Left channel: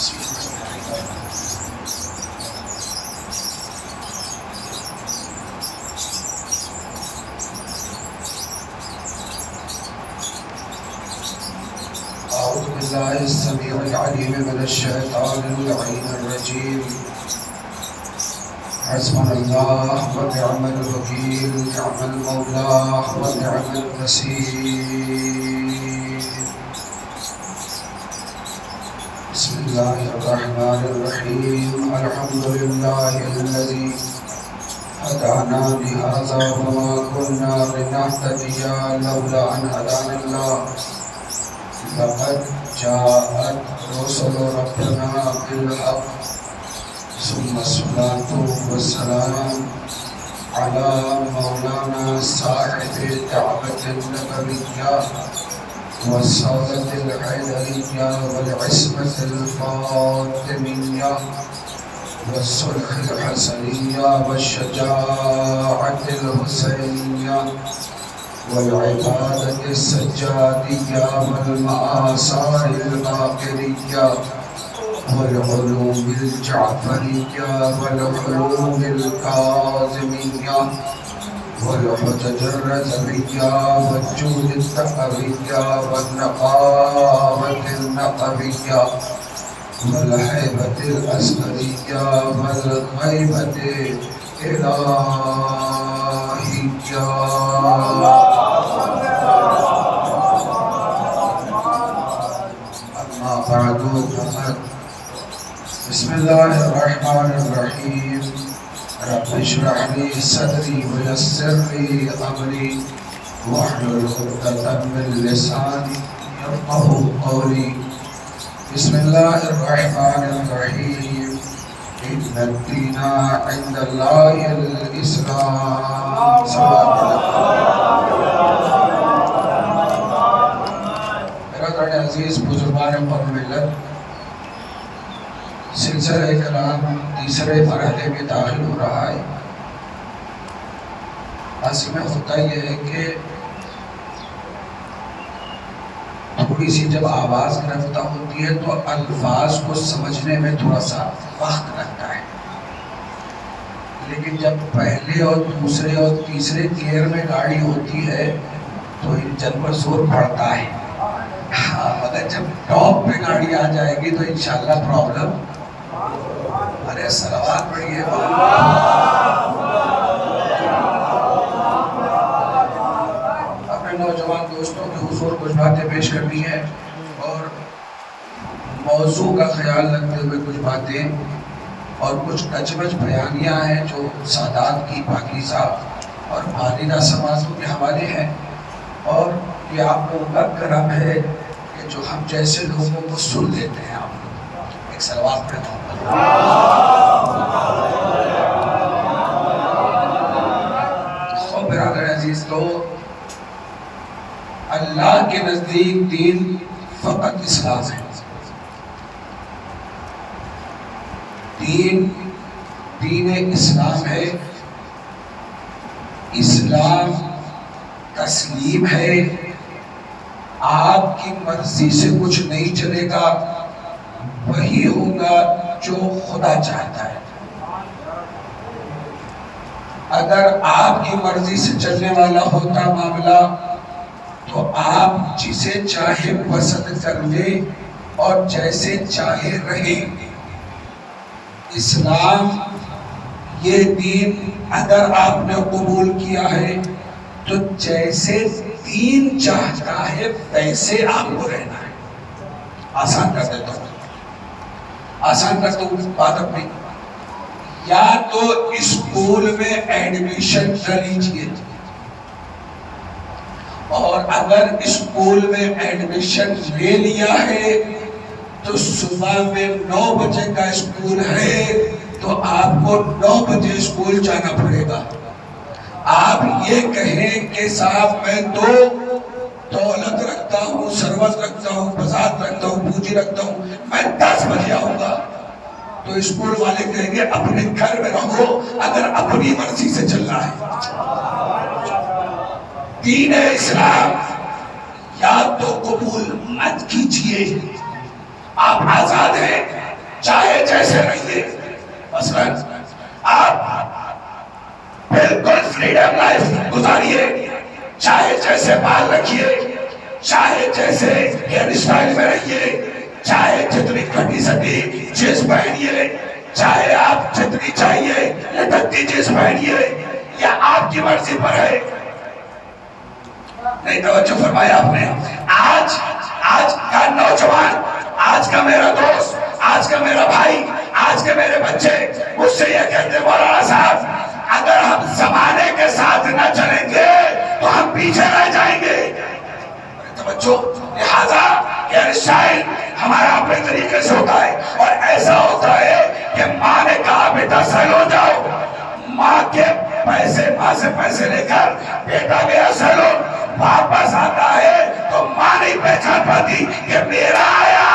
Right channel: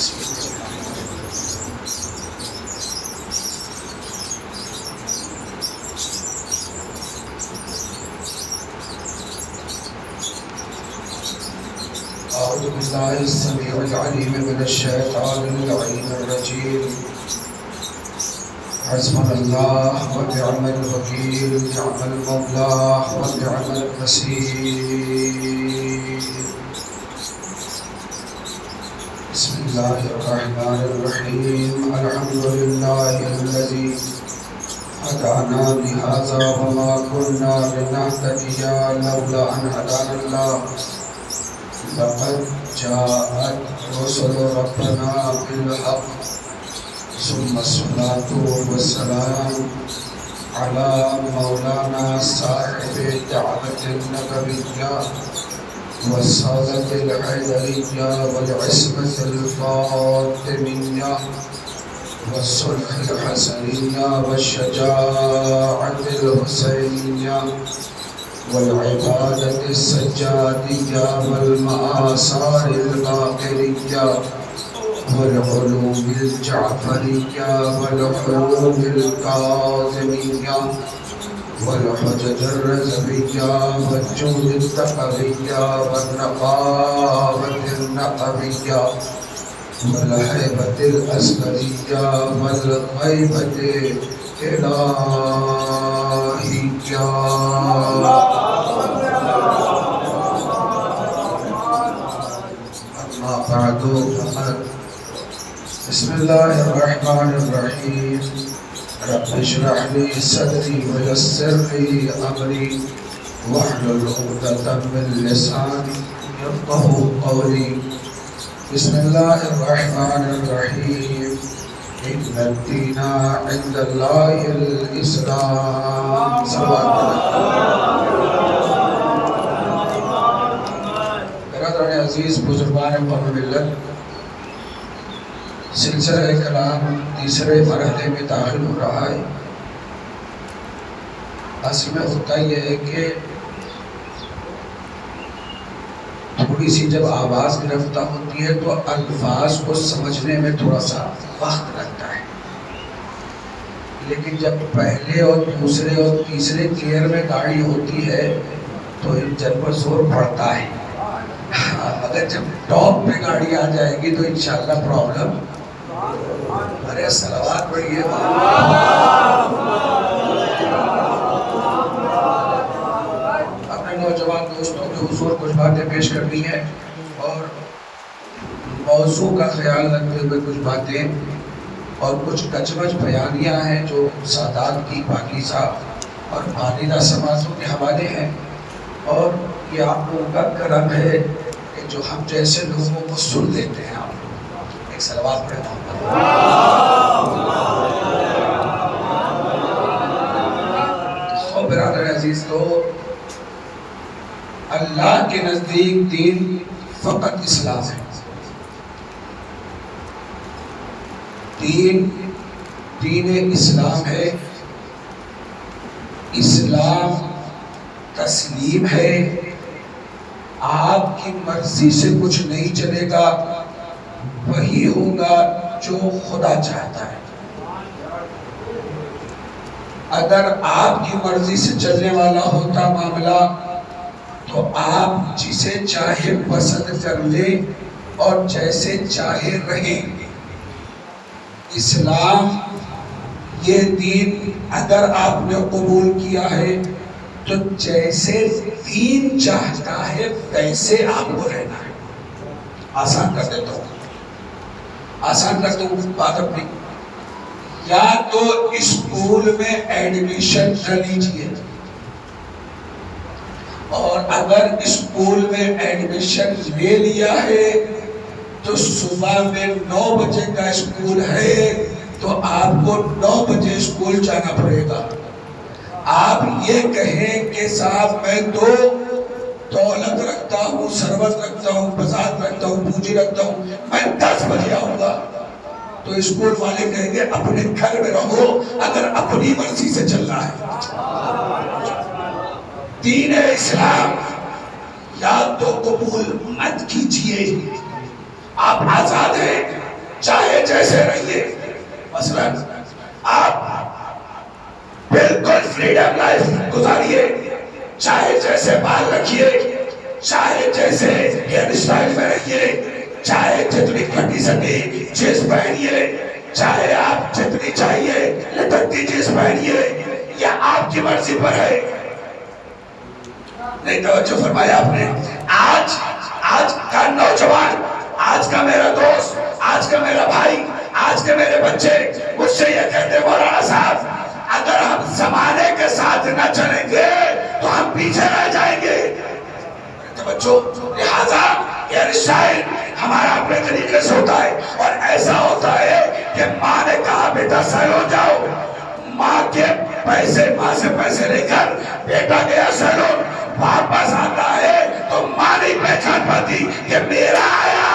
أعوذ بالله السميع العليم من الشيطان اللعين الرجيم. حسبنا الله ونعم الوكيل، نعم المولى ونعم النصير. بسم الله الرحمن الرحيم. الحمد لله الذي هدانا لهذا وما كنا لنهتدي لولا أن هدانا الله. لقد جاءت رسل ربنا بالحق، ثم الصلاة والسلام على مولانا صاحب الدعوة النبوية والصلاة الحيدرية والعصمة الفاطمية والصلح الحسنية والشجاعة الحسينية والعبادة السجادية والمآثار الباقرية والعلوم الجعفرية والحلوم الكاظمية والحجج الرزمية والجود التقوية والنقاوة النقوية والهيبة الأسمرية والغيبة الإلهية. أما بعد، بسم الله الرحمن الرحيم. رب اشرح لي صدري ويسر لي أمري واحلل عقدة من لساني يفقهوا قولي. بسم الله الرحمن الرحيم. إن الدين عند الله الإسلام. برادران عزیز، بزرگان قوم ملت، سلسلہ کلام تیسرے مرحلے میں داخل ہو رہا ہے۔ اصل میں ہوتا یہ ہے کہ تھوڑی سی جب آواز گرفتہ ہوتی ہے تو الفاظ کو سمجھنے میں تھوڑا سا وقت لگتا ہے، لیکن جب پہلے اور دوسرے اور تیسرے گیئر میں گاڑی ہوتی ہے تو انجن پر زور پڑتا ہے، مگر جب ٹاپ پہ گاڑی آ جائے گی تو انشاءاللہ پرابلم۔ ارے صلوات پڑھیے۔ اپنے نوجوان دوستوں کے حضور کچھ باتیں پیش کرنی ہے اور موضوع کا خیال رکھتے ہوئے کچھ باتیں اور کچھ کچوچ بیانیاں ہیں جو سادات کی پاکیزہ اور والدہ سماعتوں کے حوالے ہیں، اور یہ آپ لوگوں کا کرم ہے کہ جو ہم جیسے لوگوں کو سن لیتے ہیں۔ آپ ایک صلوات پڑھنا ہوتا ہے۔ اور برادر عزیز کو اللہ کے نزدیک دین فقط اسلام ہے۔ دین اسلام ہے۔ اسلام تسلیم ہے۔ آپ کی مرضی سے کچھ نہیں چلے گا، وہی ہوگا جو خدا چاہتا ہے۔ اگر آپ کی مرضی سے چلنے والا ہوتا معاملہ تو آپ جسے چاہے پسند کر لیں اور جیسے چاہے رہیں۔ اسلام یہ دین اگر آپ نے قبول کیا ہے تو جیسے دین چاہتا ہے ویسے آپ کو رہنا ہے۔ آسان کر دیتا ہوں، آسان کر دوں بات اپنی۔ یا تو اسکول میں ایڈمیشن نہ لیجیے، اور اگر اسکول میں ایڈمیشن لے لیا ہے تو صبح میں 9 بجے کا اسکول ہے تو آپ کو 9 بجے اسکول جانا پڑے گا۔ آپ یہ کہیں کہ صاحب میں تو دولت رکھتا ہوں، ثروت رکھتا ہوں، بساط رکھتا ہوں، پونجی رکھتا ہوں، میں 10 بجے آؤں گا، تو اسکول والے کہیں گے اپنے گھر میں رہو اگر اپنی مرضی سے چلنا ہے۔ دین اسلام یا تو قبول مت کیجئے، آپ آزاد ہیں، جیسے رہیے. مثلاً آپ بالکل فریڈم لائف گزاریے, چاہے جیسے بال رکھیے, چاہے جیسے ہیئر اسٹائل میں رہیے, چاہے جتنی کٹی سٹی جینس پہنیے, چاہے آپ جتنی چاہیے لٹکتی جینس پہنیے, یا آپ کی مرضی پر ہے. نہیں توجہ فرمایا آپ نے. آج کا نوجوان, آج کا میرا دوست, آج کا میرا بھائی, آج کے میرے بچے مجھ سے یہ کہتے ہیں مولانا صاحب اگر ہم زمانے کے ساتھ نہ چلیں گے تو ہم پیچھے رہ جائیں گے. بچوں لہذا ہیئر اسٹائل ہمارا اپنے طریقے سے ہوتا ہے, اور ایسا ہوتا ہے کہ ماں نے کہا بیٹا سیلون جاؤ, ماں کے ماں سے پیسے لے کر بیٹا گیا سیلون, واپس آتا ہے تو ماں نہیں پہچان پاتی کہ میرا آیا,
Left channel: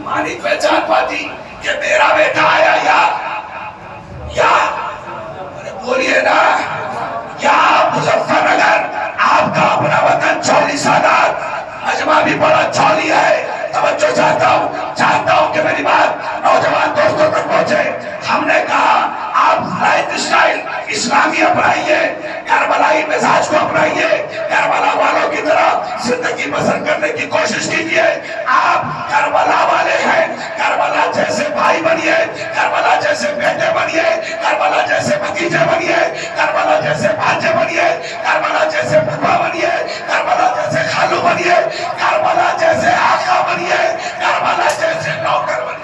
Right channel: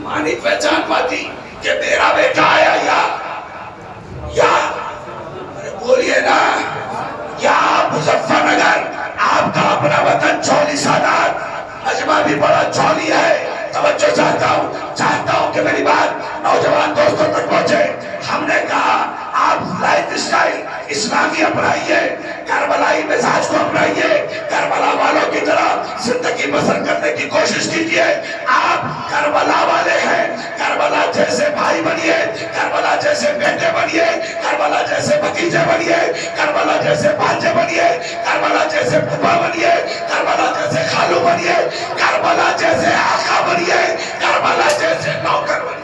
ماں نہیں پہچان پاتی کہ میرا بیٹا آیا. یا بولیے نا, یا مظفر نگر آپ کا اپنا وطن چولی سادات, مجمع بھی بڑا چولی ہے. توجہ چاہتا ہوں کہ میری بات نوجوان دوستوں تک پہنچے. ہم نے کہا آپ لائف اسٹائل اسلامی اپنائیے, کربلائی مزاج کو اپنائیے, کربلا والوں کی طرح زندگی بسر کرنے کی کوشش کیجیے. آپ کربلا والے ہیں, کربلا جیسے بھائی بنیے, کربلا جیسے بیٹے بنیے, کربلا جیسے بھتیجے بنیے, کربلا جیسے بھانجے بنیے, کربلا جیسے پھوپھا بنیے, کربلا جیسے خالو بنیے, کربلا جیسے آقا بنیے, کربلا جیسے نوکر بنیے.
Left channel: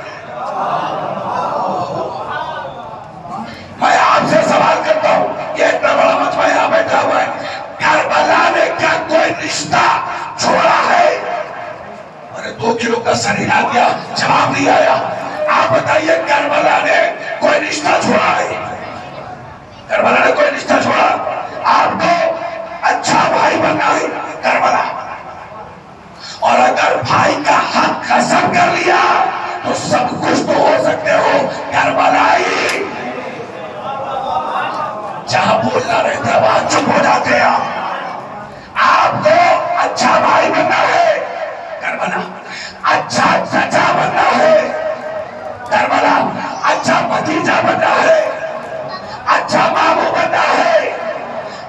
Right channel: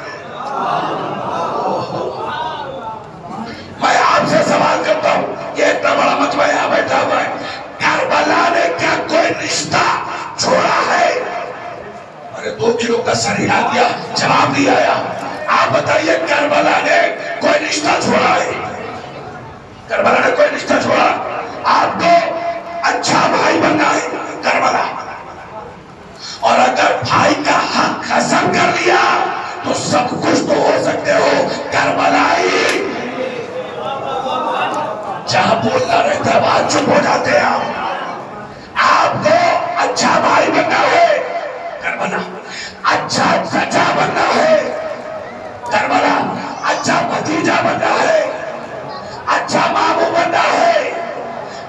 میں آپ سے سوال کرتا ہوں, یہ اتنا بڑا مجمع یہاں بیٹھا ہوا ہے, کربلا نے کیا کوئی رشتہ چھوڑا ہے؟ 2 کلو کا سریعہ دیا, جواب نہیں آیا. آپ بتائیے کربلا نے کوئی رشتہ چھوڑا ہے؟ کربلا نے کوئی رشتہ چھوڑا؟ آپ کو اچھا بھائی بننا ہے کربلا, اور اگر بھائی کا حق قسم کر لیا تو سب کچھ تو ہو سکتے ہو کربلائی. جہاں بولنا رہتا ہے وہاں چپ ہو جاتے ہیں. آپ کو اچھا بھائی بننا ہے کربلا, اچھا چچا بننا ہے کربلا, اچھا بھتیجا بننا ہے, اچھا ماموں بننا ہے,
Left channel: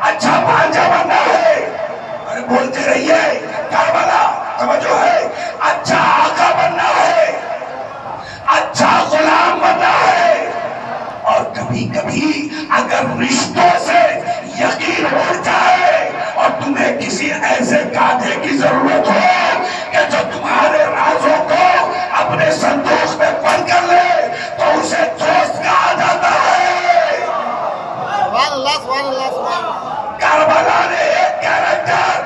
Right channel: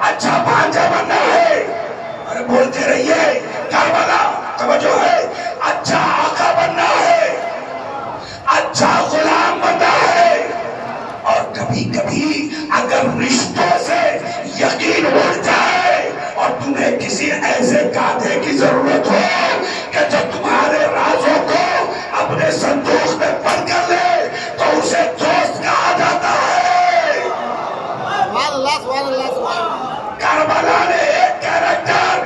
اچھا بھانجا بننا ہے. ارے بولتے رہیے کربلا, توجہ ہے. اچھا آقا بننا ہے, اچھا غلام بننا ہے. اور کبھی کبھی اگر رشتوں سے یقین اڑ جائے اور تمہیں کسی ایسے گادھے کی ضرورت ہو کہ جو تمہارے رازوں کو اپنے صندوق میں بند کر لے تو اسے دوست کہا جاتا ہے. کربلا نے ایک کیریکٹر,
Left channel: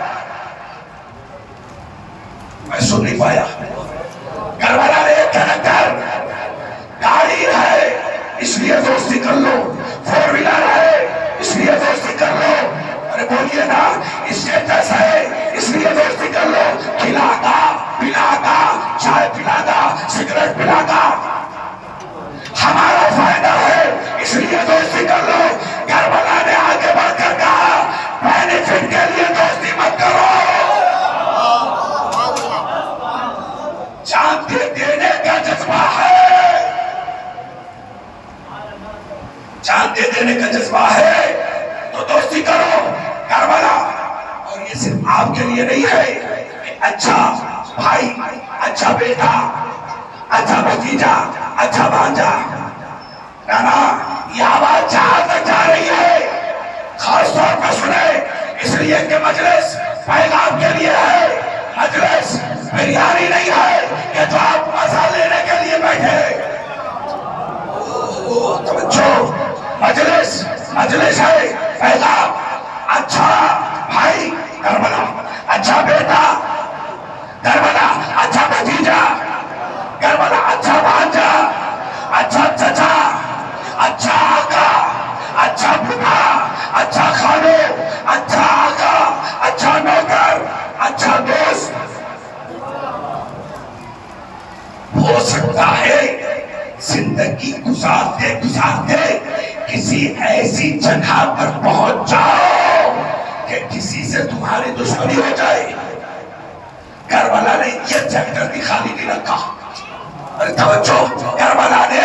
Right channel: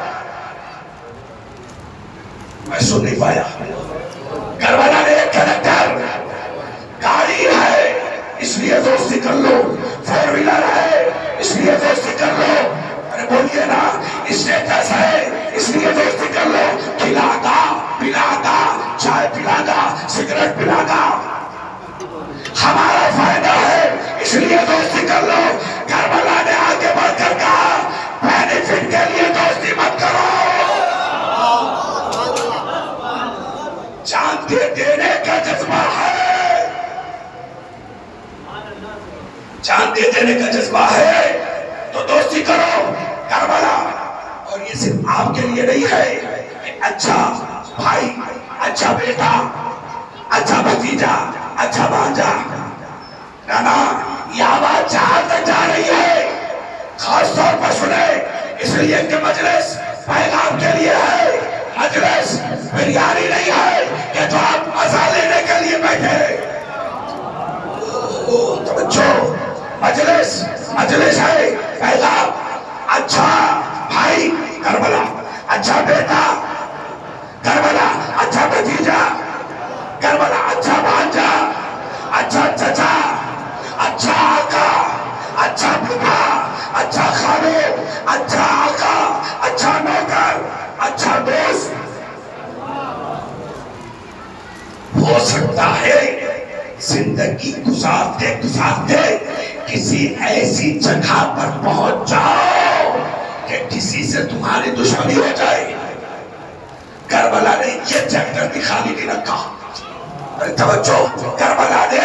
میں سن نہیں پایا, کربلا نے ایک کیریکٹر, گاڑی ہے اس لیے دوستی کر لو, 4 ویلر ہے اس لیے دوستی کر لو, ارے بولیے نا, اسٹیٹس ہے اس لیے دوستی کر لو, کھلاتا پلاتا, چائے پلاتا, سگریٹ پلاتا, ہمارا فائدہ ہے اس لیے دوستی کر لو. کربلا نے آگے بڑھ کر کہا بینیفٹ کے لیے دوستی مت کرو. جان دینے کا جذبہ ہے, جان دے دینے کا جذبہ ہے تو دوستی کرو کربلا. اور یہ صرف آپ کے لیے نہیں ہے, اچھا بھائی, اچھا بیٹا, اچھا بھتیجا, اچھا بھانجا. نانا یہ آواز جہاں تک جا رہی ہے خاص طور پر سنیں, اس لیے کہ مجلس پیغام کے لیے ہے, مجلس بریانی نہیں ہے کہ تو آپ مزہ لینے کے لیے بیٹھے. مجلس ہے پیغام, اچھا بھائی کربلا, اچھا بیٹا کربلا, اچھا بھتیجا کربلا, اچھا بھانجا, اچھا چچا, اچھا آقا, اچھا پھوپھا, اچھا خالو, اچھا آقا, اچھا نوکر, اچھا دوست. ہو سکتا ہے زندگی گزارتے گزارتے کسی ایسی جگہ پر پہنچ جاؤ کہ کسی سے تمہاری دشمنی ہو جائے. کربلا نے یہ چیپٹر بھی خالی نہیں رکھا. ارے توجہ, کربلا نے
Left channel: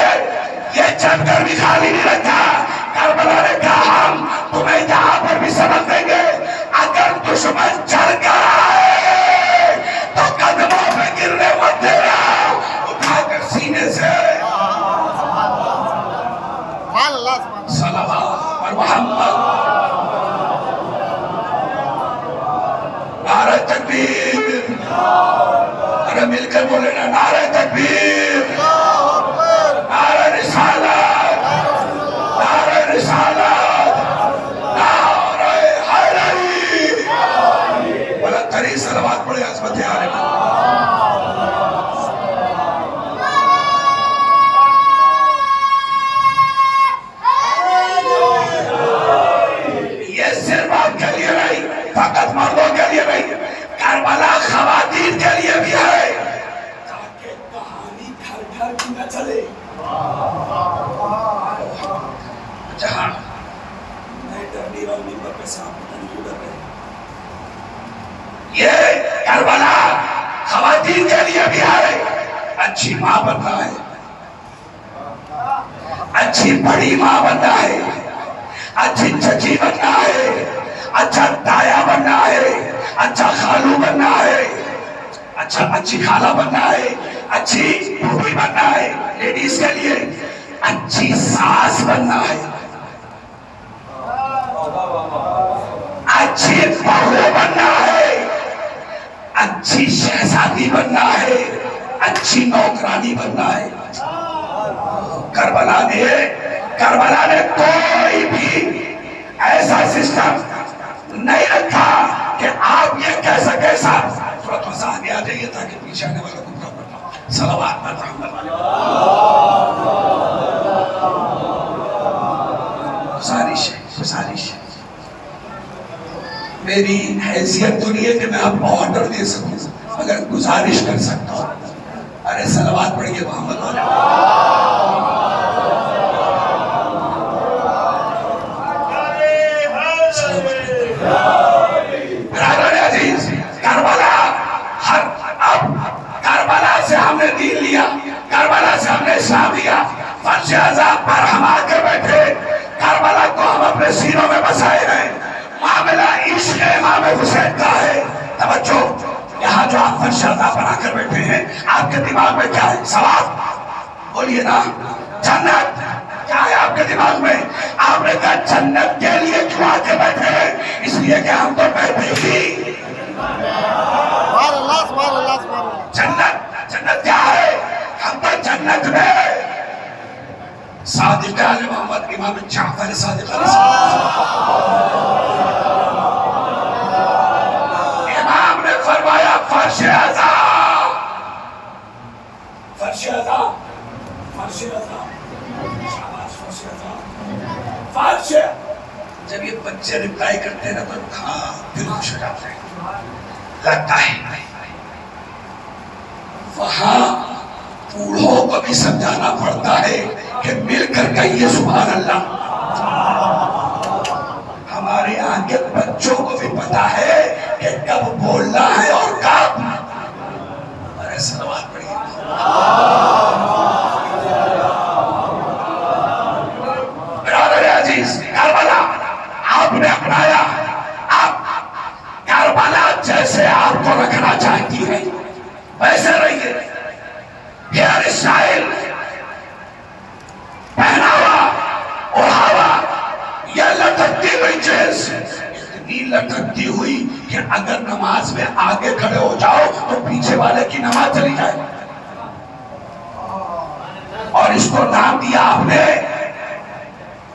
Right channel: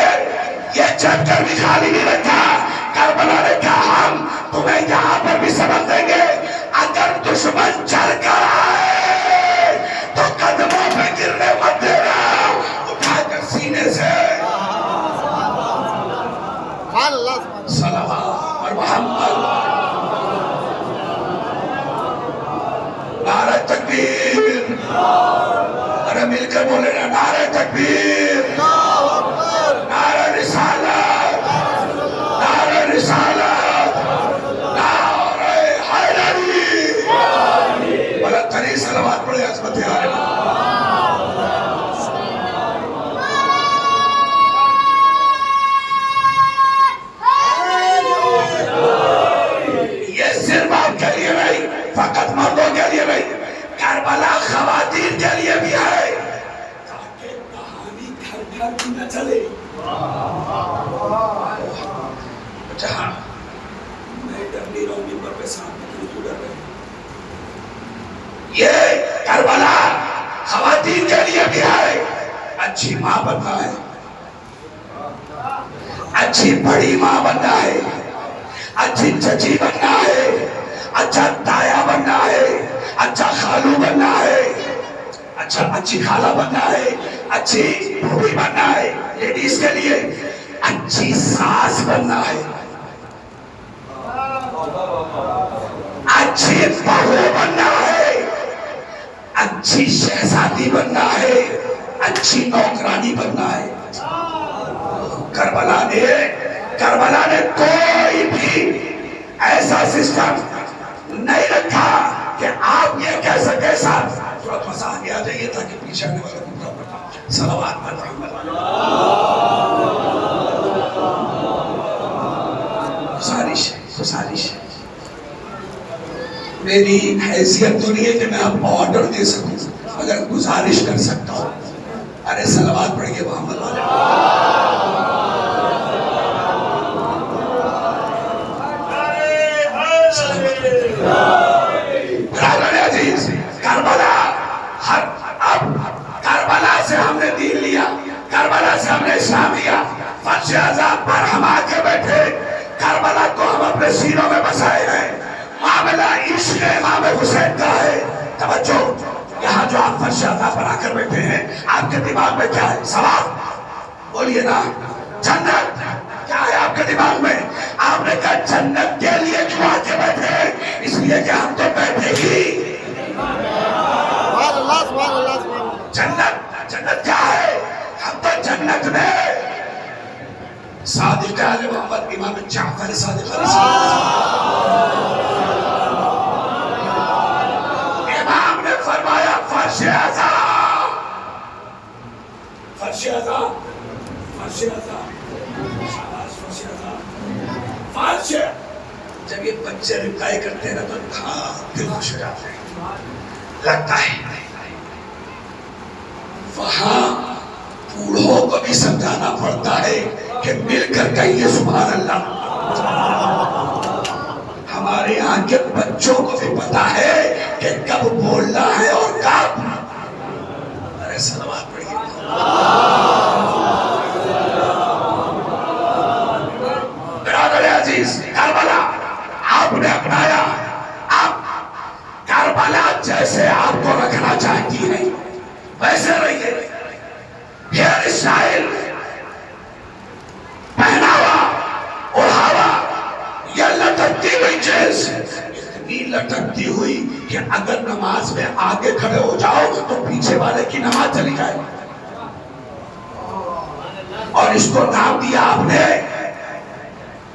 یہ چیپٹر بھی خالی نہیں رکھا. کربلا نے کہا ہم تمہیں یہاں پر بھی سبق دیں گے, اگر دشمن چڑھ کر آئے تو قدموں پہ گرنے مت دینا, اٹھا کر سینے سے صلوات اور محمد. نعرہ تکبیر, ارے مل کر بولے نا, نعرہ تکبیر, نعرہ رسالت, نعرہ رسالت, نعرہ حیدری. بلند ترین صلوات پڑھے عظمت عالم. یہ صرف آپ کے لیے نہیں, فقط مردوں کے لیے نہیں, کربلا خواتین کے لیے بھی ہے, تاکہ کہانی گھر گھر کی نہ چلے. جہاں میں ڈر نہیں رہا ہوں ممبر پہ, صاحب پتہ نہیں کیوں ڈر رہے. یہ کربلا خواتین کے لیے بھی ہے. اچھی ماں بننا ہے, اچھی بڑی ماں بننا ہے, اچھی چچی بننا ہے, اچھا تایا بننا ہے, اچھا خالو بننا ہے, اچھا اچھی خالہ بننا ہے, اچھی بھوبی بننا ہے. لیڈیز کے لیے اچھی ساس بننا ہے, اچھی بہو بننا ہے, اچھی شہزادی بننا ہے, اچھی نوکرانی بننا ہے. کربلا نے کوئی بھی ایسا سسٹم نہیں رکھا کہ آپ یہ کہہ سکے. صاحب تھوڑا مسا آگے آ جائیے تاکہ پیچھے آنے والا کو پراپر صلوات میں گزارش ہے. میری حیثیت تو نہیں ہے کہ میں آپ کو آرڈر دے سکوں, مگر گزارش کر سکتا ہوں. ارے صلوات پڑھیے محمد والے. کربلا سے ہم نے دین لیا, کربلا سے ہم نے اسلام لیا. فرش عذاب پر ہم آ کے بیٹھے, کربلا کو ہم اپنے سینوں میں بسائے ہیں. معاملہ عشق امام حسین کا ہے. توجہ, یہاں جو آپ فرش عذاب پر آ کر بیٹھے ہیں, آپ کے دماغ میں کیا ہے؟ سوال بولیے نا. جنت کیا ہے آپ کے دماغ میں؟ آپ نے کہا جنت کے لیے کیوں آ کے بیٹھے ہیں؟ اس لیے کہ ہم تو بیٹھے ہی. جنت کیا ہے؟ ہم تو جنت میں صادق آل محمد امام جعفر صادق علیہ السلام, امام نے فرمایا فرش عذاب, فرش عذاب, فرش عذاب, شاباش فرش عذاب, فرش. جب یہ بچے رپلائی کرتے ہیں نا تو دل خوش ہو جاتے ہیں. لگتا ہے وہاں بوڑھوں کو بھی سمجھانا پڑتا ہے کہ مل کر کہیے سبحان اللہ. ہمارے یہاں کے بچوں کو بھی پتا ہے کہ کب بولنا ہے اور کب. ارے صلوات پڑھیے. برادر عزیز, کربلا آپ نے اپنایا. آپ کربلا جیسے آپ کو رکھنا چاہتی ہے ویسے رہیے. ہیئر اسٹائل, پہناوا, اوڑھاوا, یہ لٹکتی ہوئی چیز اتنی لٹکتی ہوئی کہ اگر نماز میں آگے کھڑے ہو جاؤ تو پیچھے والے کی نماز چلی جائے. اور اس کو نام دیا آپ نے,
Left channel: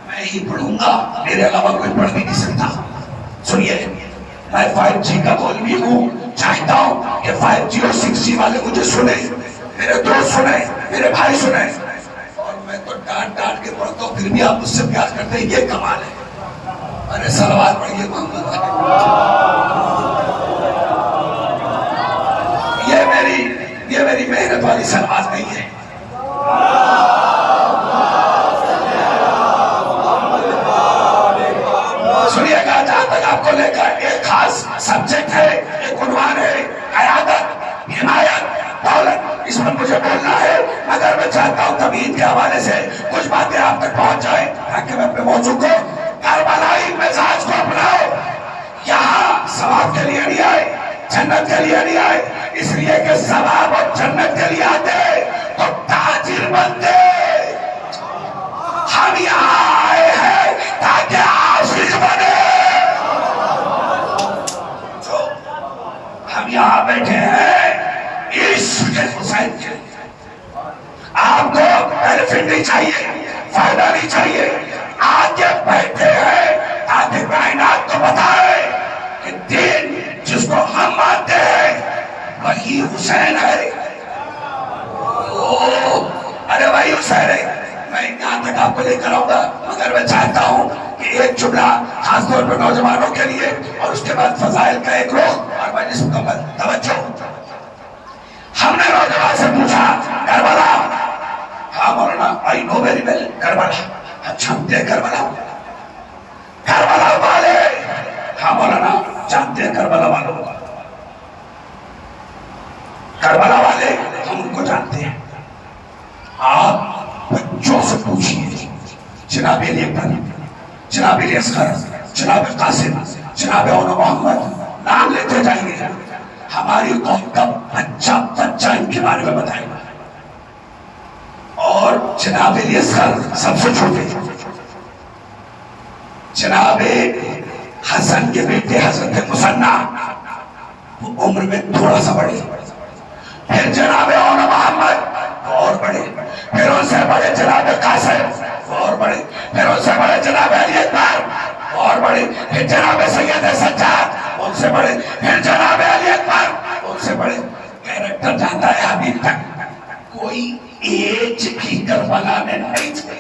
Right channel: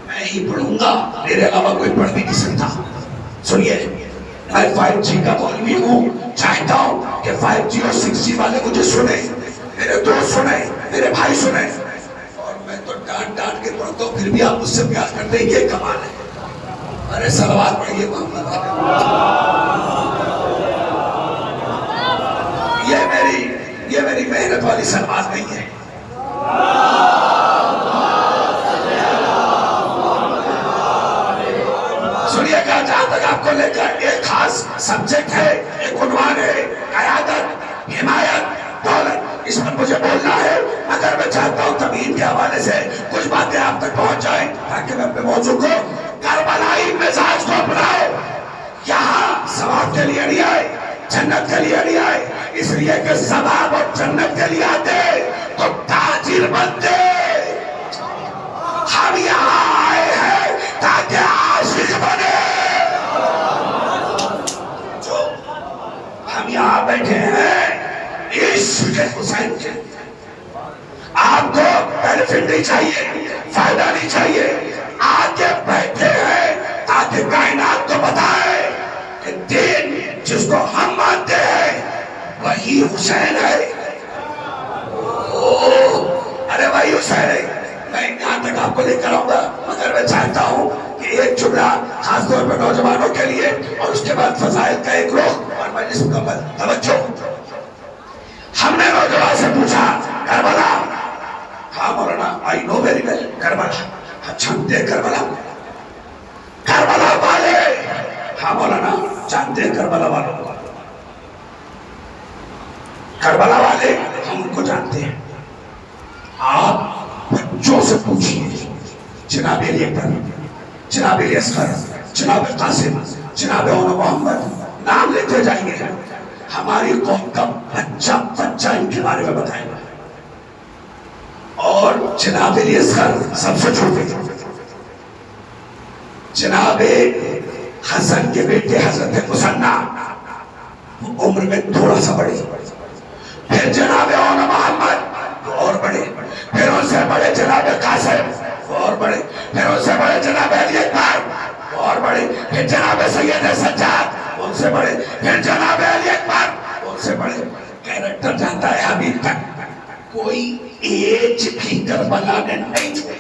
میں ہی پڑھوں گا, میرے علاوہ کوئی پڑھ بھی نہیں سکتا. سنیے, میں 5G کا مولوی ہوں, چاہتا ہوں کہ 5G اور 6G والے مجھے سنیں, میرے دوست سنیں, میرے بھائی سنیں. اور میں تو ڈانٹ کے پڑھتا ہوں, پھر بھی آپ مجھ سے پیار کرتے ہیں, یہ کمال ہے. ارے صلوات پڑھیے محمد. یہ میری محنت والی صلوات نہیں ہے. سنیے گا, جہاں تک آپ کو لے کر ایک خاص سبجیکٹ ہے, ایک عنوان ہے, قیادت. حمایت، دولت، اس پر مجھے بولنا ہے، مگر میں چاہتا ہوں توحید کے حوالے سے کچھ باتیں آپ تک پہنچ جائیں تاکہ میں اپنے موضوع کو کربلائی مزاج کو اپناؤ. یہاں ثواب کے لیے نہیں آئے، جنت کے لیے نہیں آئے، اس لیے کہ ثواب اور جنت کے لیے آتے تو تاجر بنتے. ہم یہاں آئے ہیں تاکہ عاشق بنے. جو ہم یہاں بیٹھے ہیں عشق حسین کے، آپ کو بینیفٹ نہیں چاہیے، فائدہ نہیں چاہیے، آگے بیٹھے ہیں تاکہ کائنات کو بتائے کہ دین جس کو ہم مانتے ہیں وہی حسین ہے. ارے وہی حسین ہے. میں یہاں تک آپ کو لے کر آؤں گا، مگر میں چاہتا ہوں کہ ایک جملہ خاص طور پر نوجوانوں کے لیے اور اس کے بعد فضائل کا ایک رخ اور مجلس مکمل. توجہ. ہم نے نوجوان سے پوچھا کربلا. ہاں مولانا آئی نو ویری ویل کربلا. اچھا جانتے کربلا؟ کربلا والے. ہاں مولانا جانتے ہیں کربلا والوں. کربلا والے ہم ان کو جانتے ہیں. آپ بچوں سے پوچھئے، جناب علی اکبر، جناب علی اصغر، جناب قاسم، جناب اون محمد، نام لیتے جائیں گے. ہماری قوم کا بچہ ان کے بارے میں بتائے گا. اور جناب علی اصغر سب سے چھوٹے، جناب حسن کے بیٹے حضرت مثنیٰ عمر میں تھوڑا سا بڑے، پھر جناب اون محمد وہ اور بڑے، پھر ان سے بڑے جناب قاسم وہ اور بڑے، پھر ان سے بڑے جناب علی اکبر وہ اور بڑے، پھر جناب سید سجاد ان سے بڑے، پھر جناب علی اکبر ان سے بڑے. کیریکٹر جانتا ہے ابھی تک کوئی ایج بھی کربلا نے نہیں چھوڑی.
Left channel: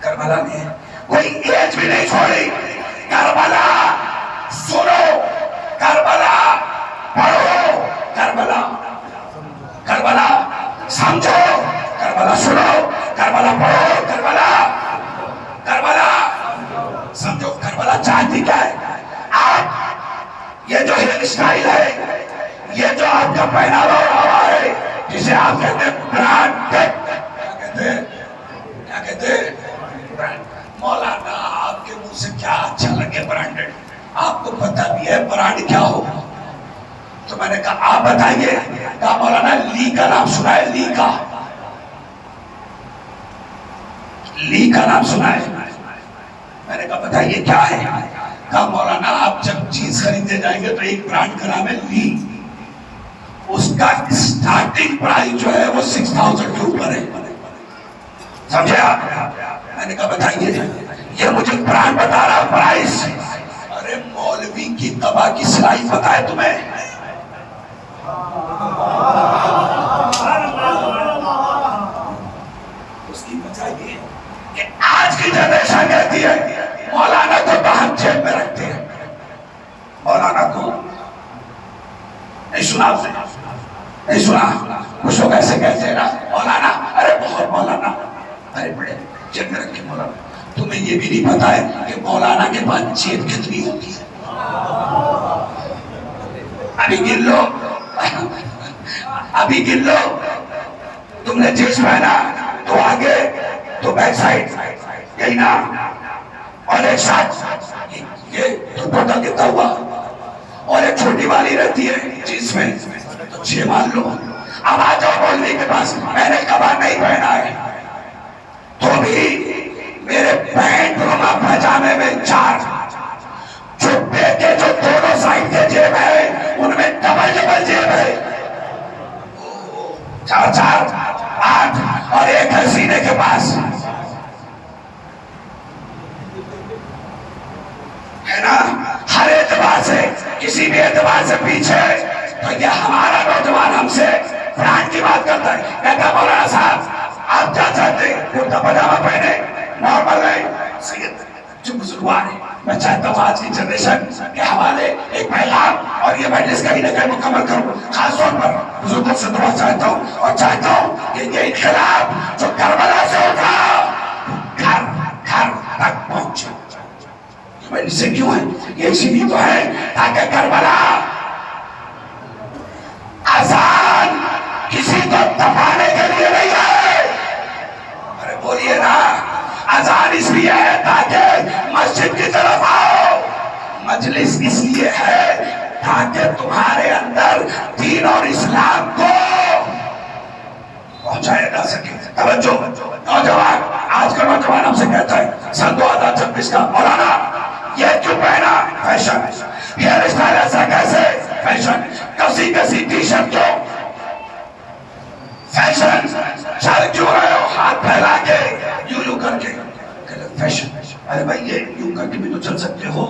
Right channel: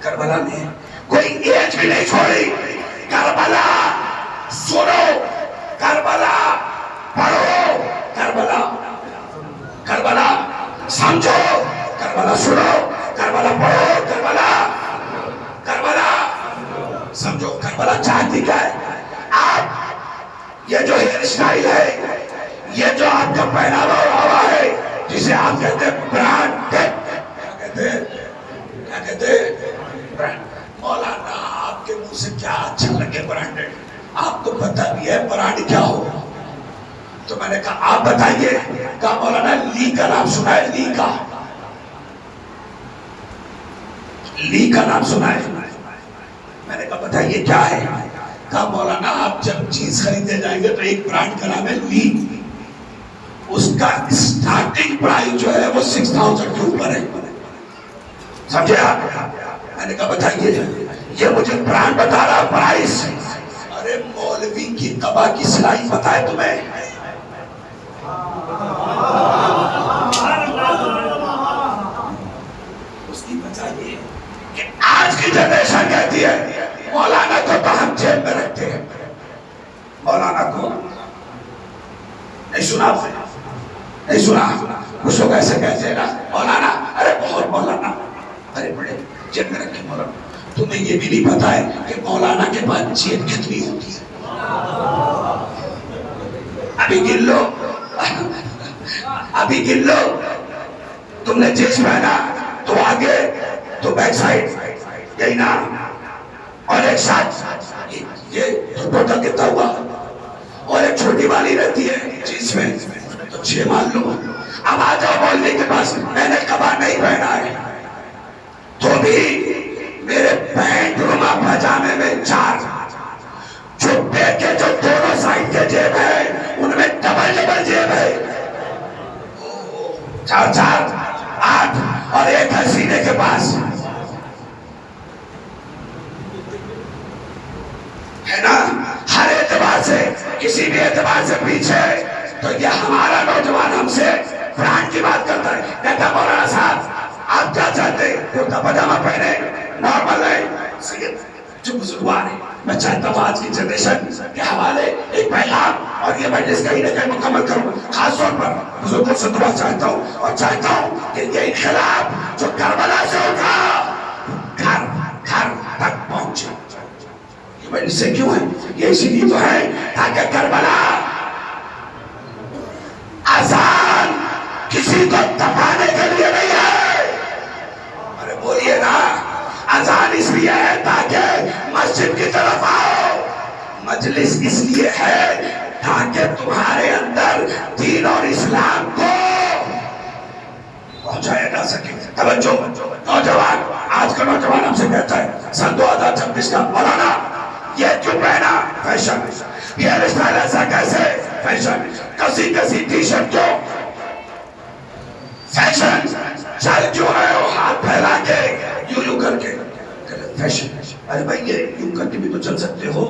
کربلا نے کوئی ایج بھی نہیں چھوڑی. کربلا سنو، کربلا پڑھو، کربلا کربلا سمجھو، کربلا سنو، کربلا پڑھو، کربلا کربلا سمجھو. کربلا چاہتی کیا ہے؟ آپ یہ جو ہیئر اسٹائل ہے، یہ جو آپ کا پہناوا ہوا ہے، جسے آپ کہتے ہیں برانڈ، کیا کہتے ہیں؟ مولانا آپ کے منہ سے کیا اچھا لگے برانڈڈ؟ آپ کو پتہ بھی ہے برانڈ کیا ہو؟ تو میں نے کہا آپ بتائیے. کہا مولانا لی کا نام سنا ہے؟ لی کا، لی کا نام سنا ہے؟ میں نے کہا بتائیے کیا ہے؟ کہا مولانا آپ جب چیز خریدنے جائیں گے تو ایک برانڈ کا نام ہے لی، اس کا اسٹارٹنگ پرائز جو ہے وہ 6000 کے اوپر ہے. سمجھے آپ؟ میں نے کہا بتائیے. یہ مجھے برانڈ بتا رہا پرائز. ارے مولوی کی قبا کی سلائی پتہ ہے تمہیں؟ اس کی وجہ یہ ہے کہ آج کی جنریشن کہتی ہے مولانا کو تو ہم جیب میں رکھتے ہیں. مولانا کو نہیں سنا آپ نے؟ نہیں سنا؟ کچھ لوگ ایسے کہتے ہیں نا مولانا، ارے بہت مولانا، ارے بڑے جیب میں رکھتے مولانا. تمہیں یہ بھی نہیں پتا ہے کہ مولانا کے پاس جیب کتنی ہوتی ہے؟ ابھی گن لو، ابھی گن لو. تم نے جینس پہنا تو آگے تو بیک سائڈ یہی نا، اور ایک ساتھ یہ ٹوٹل کتنا ہوا، اور ایک چھوٹی والی رہتی ہے جینس میں تو 6 مان لو. اب آ جاؤ مولوی کے پاس، میں نے کبا نہیں پہنا ہے تو بھی میرے پینٹ روما پاجامے میں 4 چھپے کے جو دونوں سائڈ کے جیب ہے ان میں ڈبل جیب ہے، 4 8 اور ایک ہے سینے کے پاس، ہے نا. ہر اعتبار سے کسی بھی اعتبار سے پیچھے. تو یہ ہمارا نوجوان ہم سے برانڈ کی بات کرتا ہے. میں کہا مولانا صاحب آپ کیا چاہتے ہیں؟ کرتا پاجامہ پہنے نارمل ہے. سید جو بزرگوار ہے، میں چاہتا ہوں آج کی جنریشن کے حوالے ایک پیغام، اور یہ مجلس کہیں نہ کہیں مکمل کروں. خاص طور پر بزرگوں سے دعا چاہتا ہوں، اور چاہتا ہوں کہ یہ انقلاب جو کربلا سے اٹھا گھر گھر تک پہنچے. یہ مجلس سے کیوں ہے؟ یہ اسی لیے تو ہے تاکہ کربلا اس لیے ہے تاکہ تمہارے اندر دین اور اسلام کو پہنچایا جا سکے. توجہ نوجوان، آج کا نوجوان ہم سے کہتا ہے 2026 کا مولانا یہ کیوں پہنا فیشن، ہیئر اسٹائل ایسا کیسے فیشن، کسی کسی ٹی شرٹ کیوں فیشن، چل کیوں رہے ہو ہاتھ پھیلا کے یوں کر کے فیشن. ارے بھائی یہ یوں کر کے بھی تو چل سکتے ہو،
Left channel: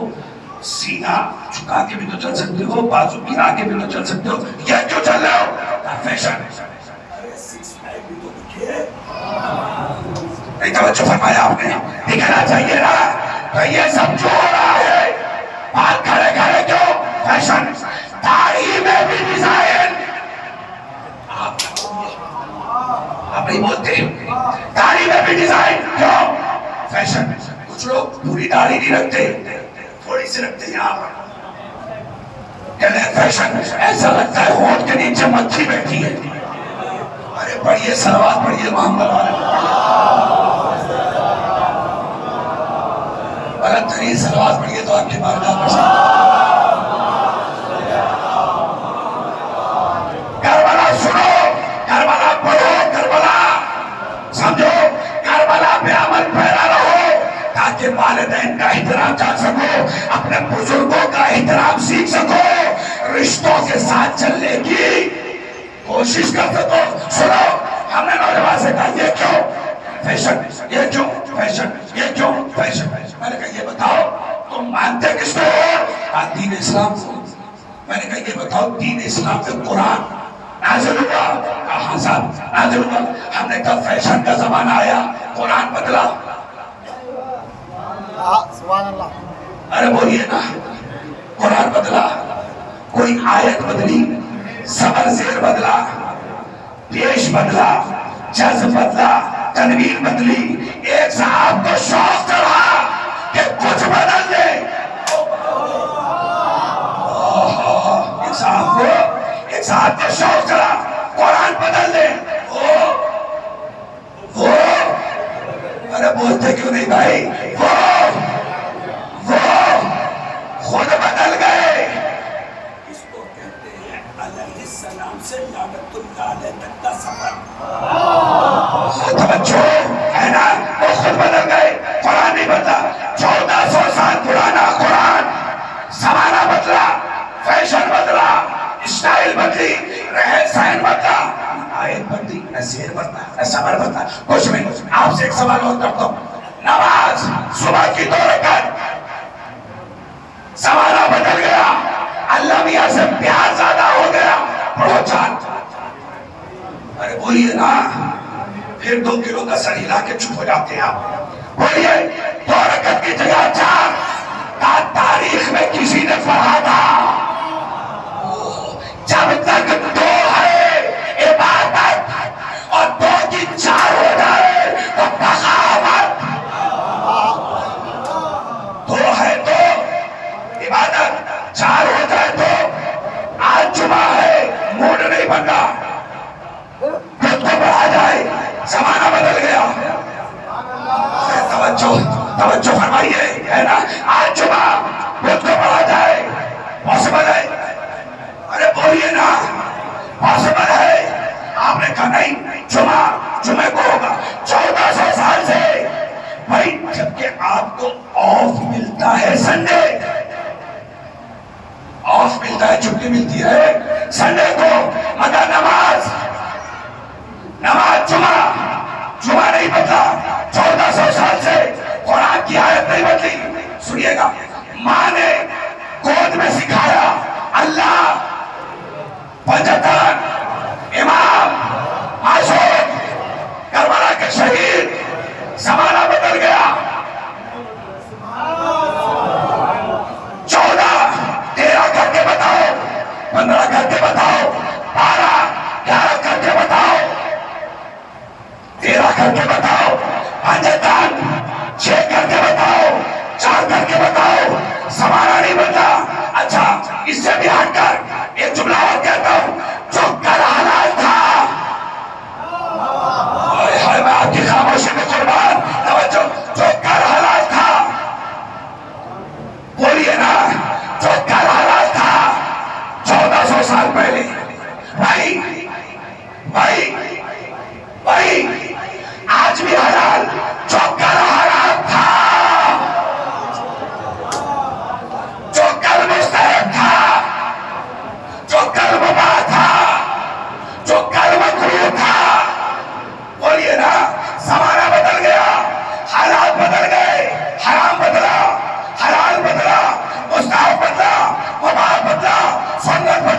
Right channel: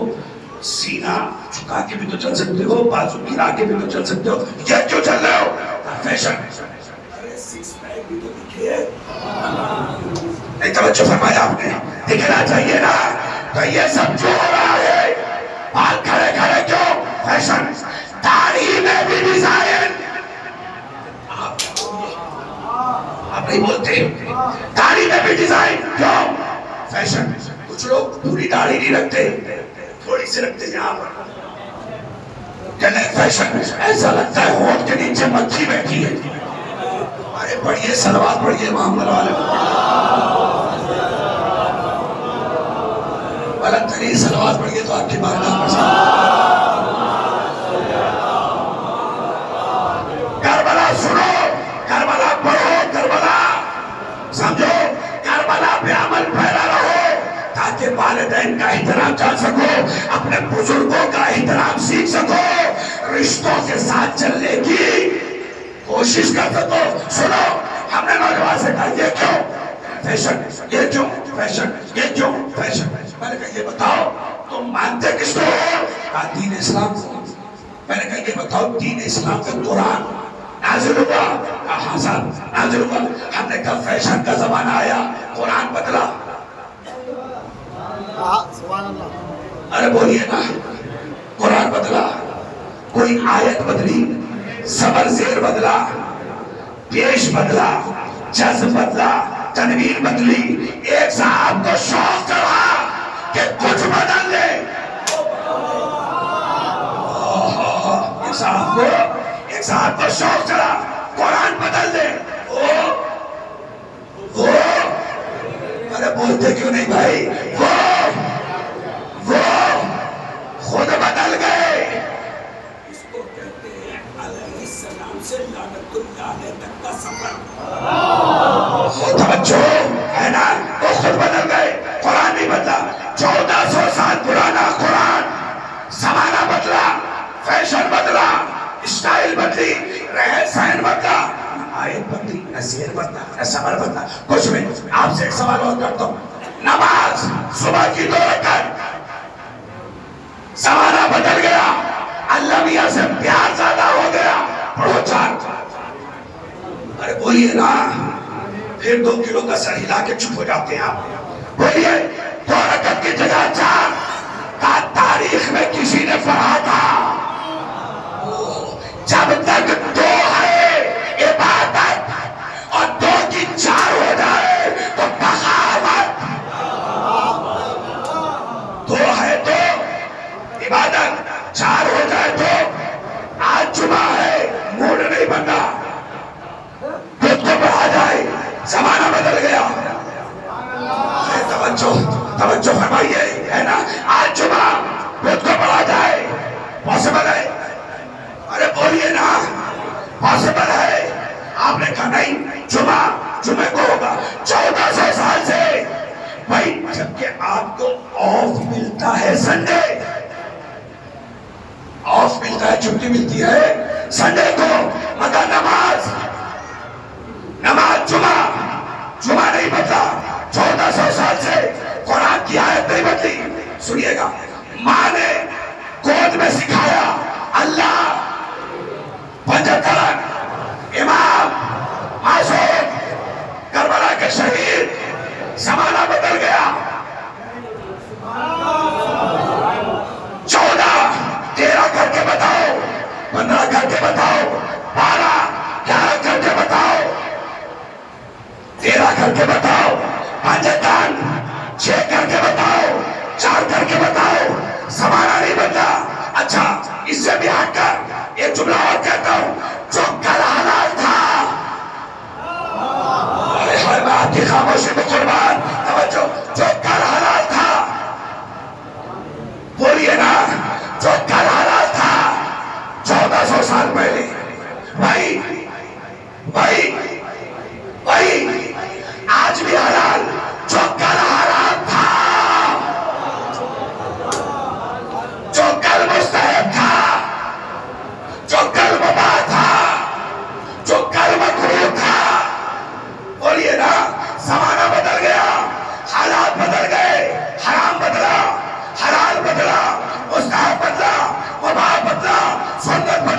سینہ جھکا کے بھی تو چل سکتے ہو، بازو گرا کے بھی تو چل سکتے ہو، یہ کیوں چل رہے ہو فیشن. ارے سکس پیک بھی تو دکھے، نہیں توجہ فرمایا آپ نے، دکھنا چاہیے نا. تو یہ سب جو ہو رہا ہے بات کھڑے کھڑے کیوں فیشن، داڑھی میں بھی ڈیزائن. آپ نہیں بولتے داڑھی میں بھی ڈیزائن کیوں فیشن. کچھ لوگ پوری داڑھی نہیں رکھتے، تھوڑی سی رکھتے ہیں یہاں کہنے فیشن. ایسا لگتا ہے ہونٹ کے نیچے مکھی بیٹھی ہے. ارے پڑھیے صلوات پڑھیے محمد والے، بلند ترین صلوات پڑھیے تو آپ کی بارگاہ پسند. کربلا سنو، کربلا پڑھو، کربلا سمجھو، کربلا پہ عمل پیرا رہو تاکہ والدین کا احترام جان سکو، اپنے بزرگوں کا احترام سیکھ سکو، رشتوں کے ساتھ چلنے کی کوشش کر سکو. سنو، ہم نے نوجوان سے کہا یہ کیوں فیشن، یہ کیوں فیشن، یہ کیوں فیشن. میں نے کہا یہ بتاؤ تم مانتے کس کو ہو؟ دین اسلام کو. میں نے کہا یہ بتاؤ دین اسلام کا قرآن نازل ہوا؟ کہاں صاحب نازل ہوا. ہم نے کہا فیشن کا زمانہ آیا، قرآن بدلا. سبحان اللہ. ارے بولیے نا، قرآن بدلا، کوئی آیت بدلی، صبر زیر بدلا، پیش بدلا، جذب بدلا، تنوین بدلی. ایک صاحب کو شوق چڑھا کہ کچھ بدل دے. ایک صاحب کو شوق چڑھا قرآن بدل دے. وہ ارے بولتے کیوں نہیں بھائی، وہ خود بدل گئے. اس کو کہتے ہیں علیہ السلام سے لعنت اللہ علیہ تک کا سفر. توجہ ہے نا، وہ خود بدل گئے، قرآن نہیں بدلا. 1400 سال پرانا قرآن، زمانہ بدلا، فیشن بدلا، اسٹائل بدلی، رہن سہن بدلا، آیت بدلی، نصیحت بدلا، نہ صبر بدلا. کچھ بھی آپ سے ایک سوال اور کرتا ہوں، نماز صبح کی 2 رکعت، زمانہ بدل گیا، اللہ میاں سے پیار زیادہ ہو گیا، پڑھو 4. ارے بولیے نا، پھر 2 کلو کا سر ہلا کے چپ ہو جاتے ہیں آپ. بولیے 2 رکعت کی جگہ 4 کا تاریخ میں کسی نے پڑھا تھا؟ جب تک 2 ہے عبادت اور 2 کی 4 ہو جائے تو بغاوت. 2 ہے تو عبادت، 4 ہو جائے تو آج جمعہ ہے موڈ نہیں بننا، خود کو بڑھا جائے، زمانہ بدل گیا. توجہ فرمائیے ہے نا، آج جمعہ خود کو بڑھا جائے، پاسبل ہے؟ ارے بولیے نا، پاسبل ہے؟ آپ نے کہا نہیں، جمعہ کو ہوگا. 1400 سال سے بھائی، جبکہ آپ کو آف ملتا ہے سنڈے، آف ملتا ہے، چھٹی ملتی ہے سنڈے کو، مگر نماز جمعہ نہیں بدلا. 1400 سال سے قرآن کی آیت نہیں بدلی. سنیے گا، ماں نے گود میں سکھایا اللہ، پنجتن، امام معصوم، کربلا کے شہید. زمانہ بدل گیا. 14 13 کر کے بتاؤ، 15 کر کے بتاؤ، 12 11 کر کے بتاؤ، 13 کر کے بتاؤ، پنجتن 6 کر کے بتاؤ، 4 کر کے بتاؤ. زمانہ نہیں بدلا. اچھا، اس سے بھی ہٹ کر ایک جملہ اور کہتا ہوں، جو کل حلال تھا، میں آپ کی خاموشی میں قربان. توجہ، جو کل حلال تھا، بولیے نا، جو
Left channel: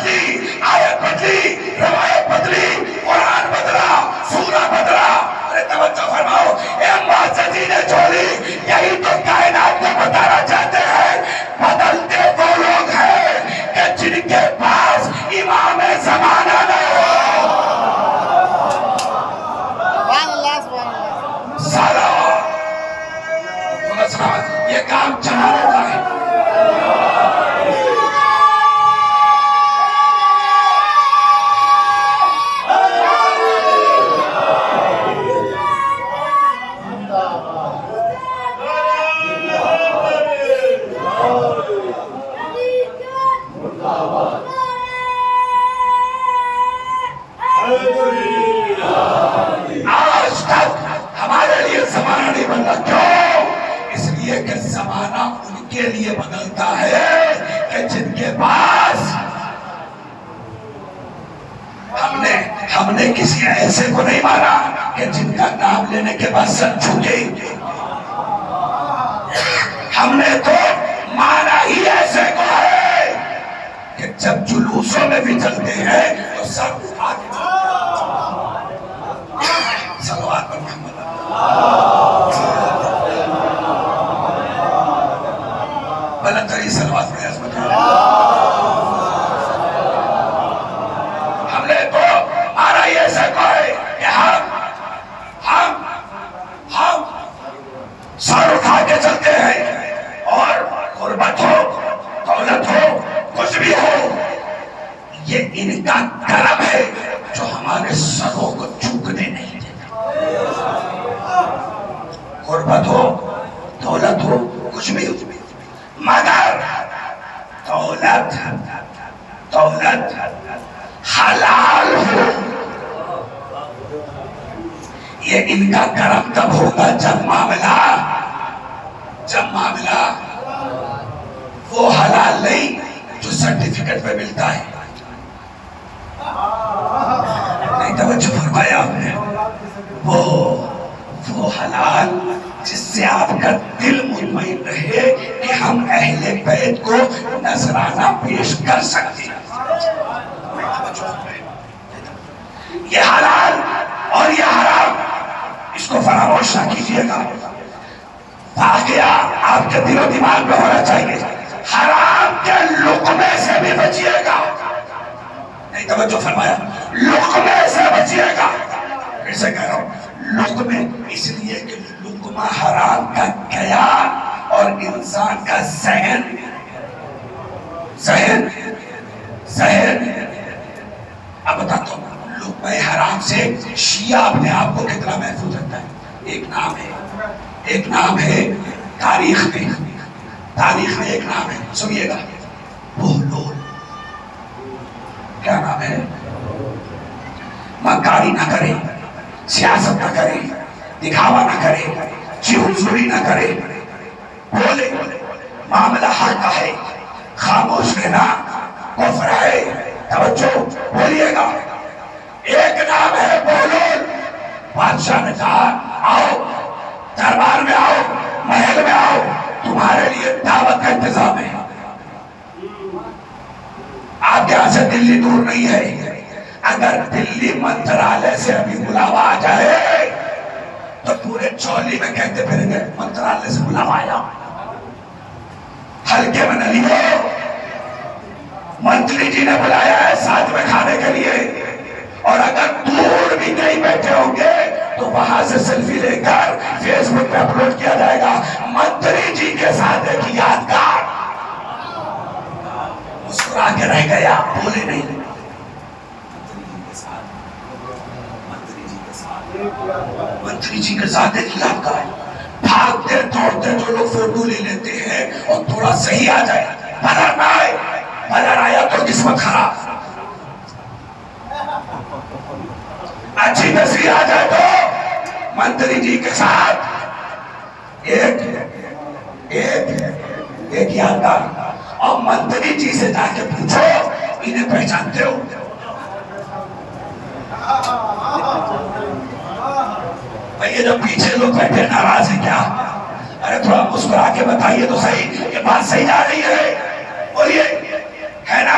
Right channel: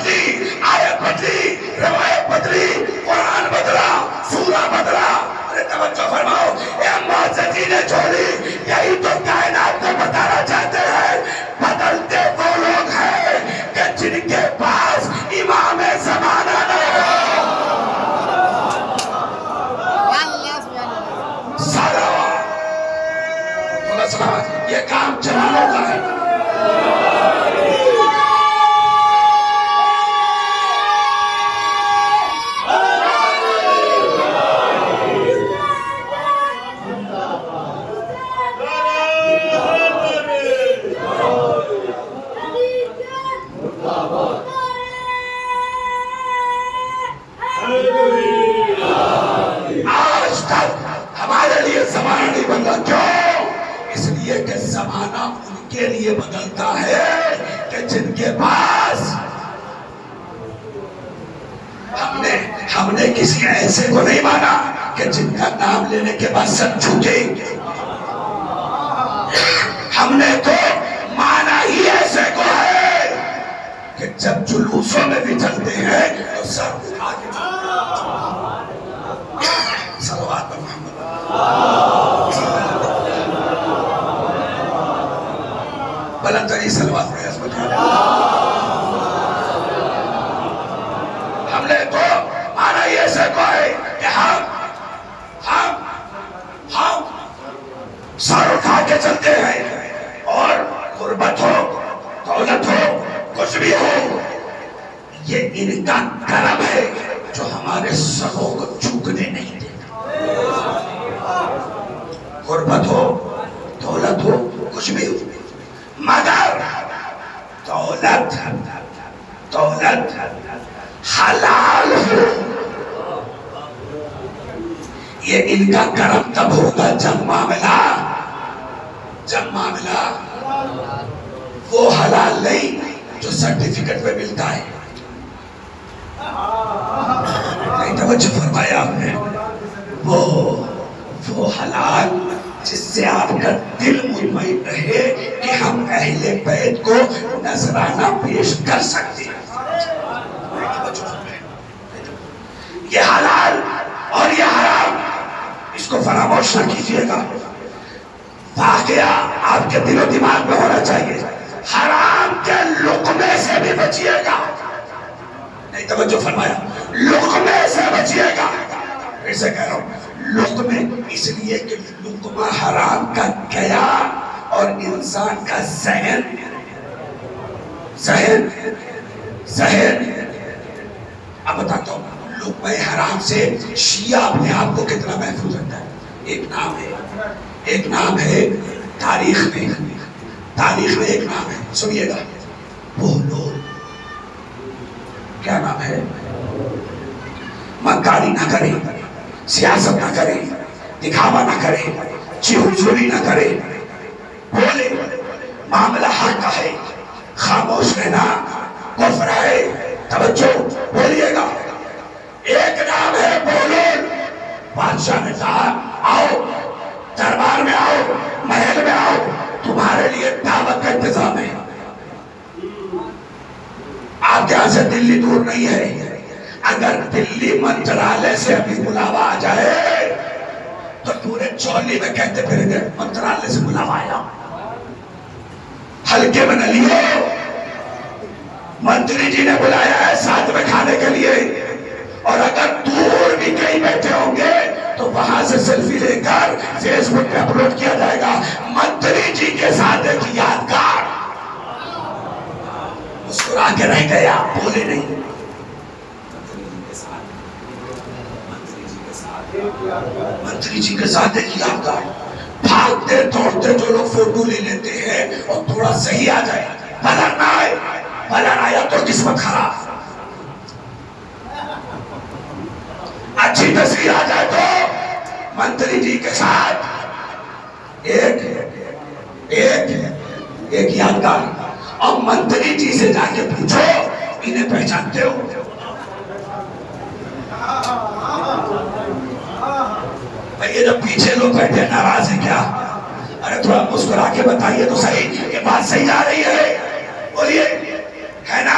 بدلی، آیت بدلی، روایت بدلی، قرآن بدلا، سورہ بدلا. ارے توجہ فرماؤ، اے معززین جولی، یہی تو کائنات کو بتانا چاہتے ہیں. بدلتے وہ لوگ ہیں کہ جن کے پاس امام زمانہ نہیں ہو. سارا یہ کام چلانے کا ہے. آج تک ہمارے لیے زمانہ نہیں بدلا. کیوں؟ اس لیے کہ زمانہ ان کے لیے بدلتا ہے کہ جن کے پاس ہم نے کسی ایسے کو نہیں مانا کہ جن کا نام لینے کے بعد سب جھکے. ہم نے تو مانا ہی ایسے کو ہے کہ جب جلوسوں میں بھی چلتے ہیں تو سب آگے صلوات پر محمد. بلند ترین صلوات پر عظمت ہے. ہم نے تو مانا ہی ایسے کو ہے کہ ہم سر اٹھا کے چلتے ہیں اور غربت ہو دولت ہو کچھ بھی ہو یہ ان کا کرم ہے جو ہمارے سروں کو جھکنے نہیں دیتا. غربت ہو دولت ہو کچھ بھی ہو مگر دولت حلال ہو یہ ان کا کرم تب ہوگا جب معاملہ وہ حلال نہیں جو سرٹیفکیٹ پہ ملتا ہے. نہیں توجہ فرمایا آپ نے. وہ حلال جس سے آپ کا دل مطمئن رہے کہ ہم اہل بیت کو نذرانہ پیش کر سکتے ہیں. یہ حلال اور یہ حرام اس کو فراموش نہ کیجیے گا. واقعہ آپ کے دل و دماغ میں ہونا چاہیے. حرام کے لقمے سے بھی بچیے گا. نہیں توجہ فرمایا. لقمے سے بچیے گا. پھر سے کہہ رہا ہوں لقمے اس لیے کہ لقمہ حرام کا قیام اور انسان کا ذہن اب بتاتا ہوں. لقمہ حرام سے شیعہ اپنے آپ کو کتنا محفوظ رکھتا ہے. ایک نام ہے تاریخ میں ایک نام ہے. سنیے گا. بہلول. کیا نام ہے؟ مکاری نہ کرے, سیاست نہ کرے, دکھاوا نہ کرے, چیزوری نہ کرے, بولے معاملہ حق ہے, خاموش رہنا کفر ہے. توجہ بولیے گا. ایک نام ہے بہلول. بادشاہ نے کہا آؤ دربار میں آؤ, محل میں آؤ, تمہارے لیے دعوت کا انتظام ہے. آپ کے یہاں سے دلی دور نہیں ہے. اگر دلی منترالیہ سے ابھی بلاوا آ جائے تو پورے چولی میں کہتے پھریں گے منترالیہ سے بلاوا آیا. ہلکے میں نہ لیو. منتری جی نے بلایا ہے ساتھ میں کھانے کے لیے, اور اگر دور بھی کہیں بیٹھے ہوں گے تو وہاں سے سیلفی لے کر فیس بک پہ اپلوڈ کیا جائے گا. منتری جی کے ساتھ ایک یادگار. مسکرا کے رہ گیا, بولے نہیں. منتری جی کے ساتھ ایک یادگار. بھاگتے دوڑتے جو لوگ فوٹو لے لیتے ہیں اور تھوڑا صحیح آ جائے, بلر آیا تو قسمت خراب. اچھی تصویر آ جائے تو منتری جی کے ساتھ ایک یادگار. اب منتری جی سے جا کے پوچھو انہیں پہچانتے ہو؟ یہ جو پیچھے لوگ بیٹھے ناراض ہیں کیا؟ ارے تھوڑا مسکرا کے بتائیے تو صحیح کہ بات صحیح جا رہی ہے. بولیے ہے نا.